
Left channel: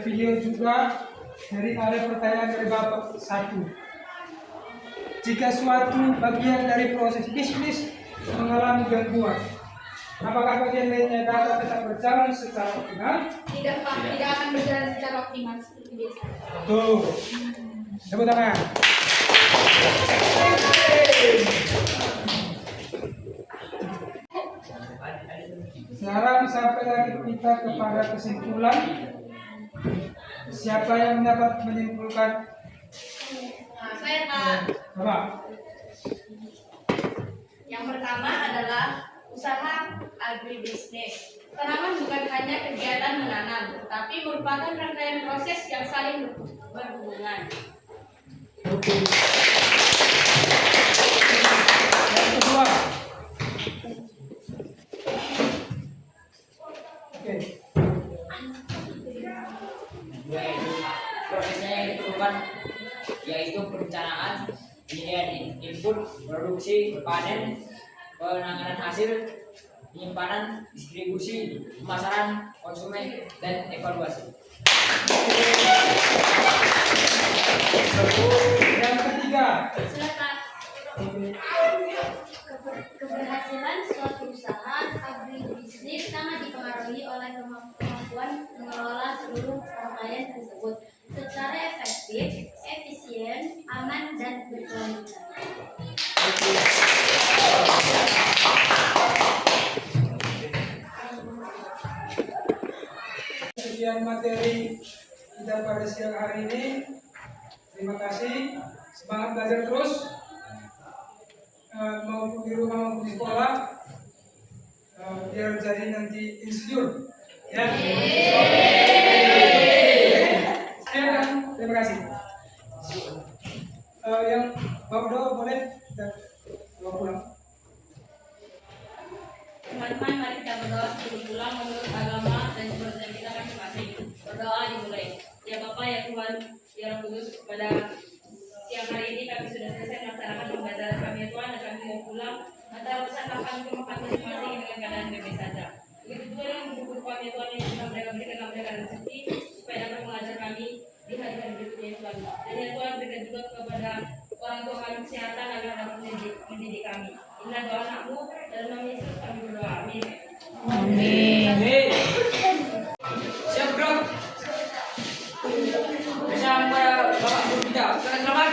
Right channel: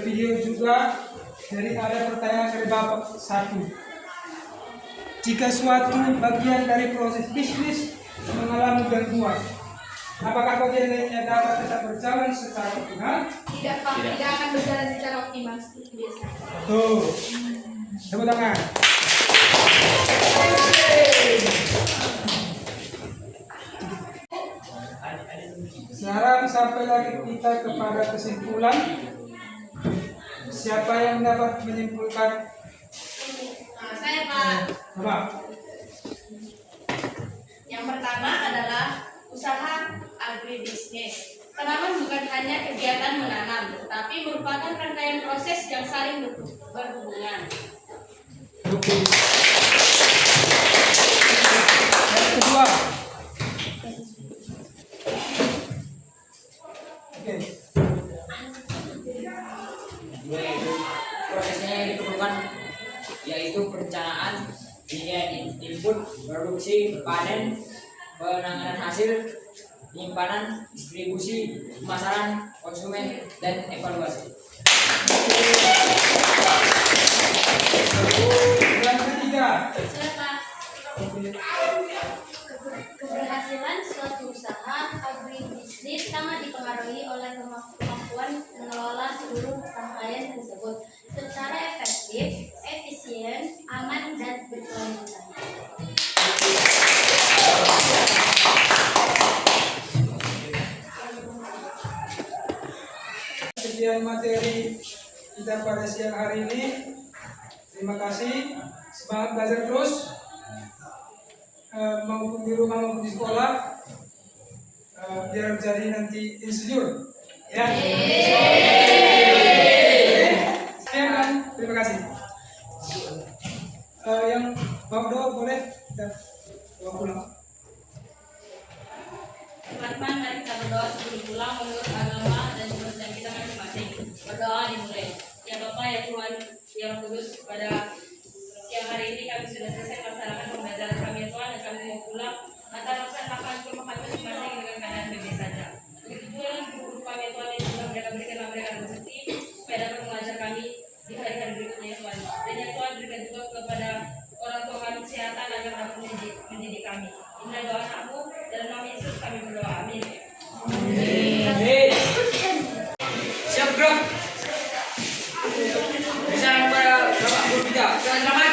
video juga. Jadi ada pertanyaan dari Bapak 1. Jika suatu bagian dari proses bisnis mengalami gangguan, apakah bagian lainnya dapat tetap berjalan secara optimal? Tidak Pak, tidak akan berjalan secara optimal seperti biasa. Tuh, tepuk tangan. Sekarang sampai lagi kita kepada kesimpulan. Siapa yang dapat menyimpulkan? Saya Pak. Coba. Yang pertama adalah usaha agribisnis. Tanaman bukan hanya kegiatan menanam, tapi merupakan rangkaian proses yang saling berhubungan. Yang kedua. Oke. Yaitu prosesnya yang diperlukan yaitu perencanaan, pilihan input, produksi, panen, penanganan hasil, penyimpanan, distribusi, pemasaran, konsumen, dan evaluasi. Yang ketiga. Saya Pak. Keberhasilan suatu usaha agribisnis sangat dipengaruhi oleh kemampuan mengelola seluruh rangkaian tersebut secara efektif, efisien, aman, dan berkelanjutan. Sekian materi kita pada siang hari ini. Terima kasih. Semangat belajar terus. Maupun di rumah maupun di sekolah. Biar jadi nanti insinyur. Ya. Sekian kan. Terima kasih. Yang bawa doa boleh. Bawa pulang. Teman-teman, mari kita berdoa sebelum pulang menurut agama dan kepercayaan kita masing-masing. Berdoa dimulai. Ya Bapa, ya Tuhan, ya Roh Kudus, pada siang hari ini kami sudah selesai melaksanakan pembelajaran kami ya Tuhan, dan kami mau pulang. Mata laksanakan ke rumah masing-masing dengan keadaan bebas saja. Begitu juga dengan guru-guru kami ya Tuhan, yang juga mereka berikan mereka rezeki supaya dapat mengajar kami di hari-hari berikutnya ya Tuhan. Dan ya Tuhan, berikan juga kepada orang tua kami kesehatan agar dapat mendidik kami. Inilah doa anakmu, dalam nama Yesus kami berdoa. Amin. Siap bro. Bisa para bapak guru kita. Silakan.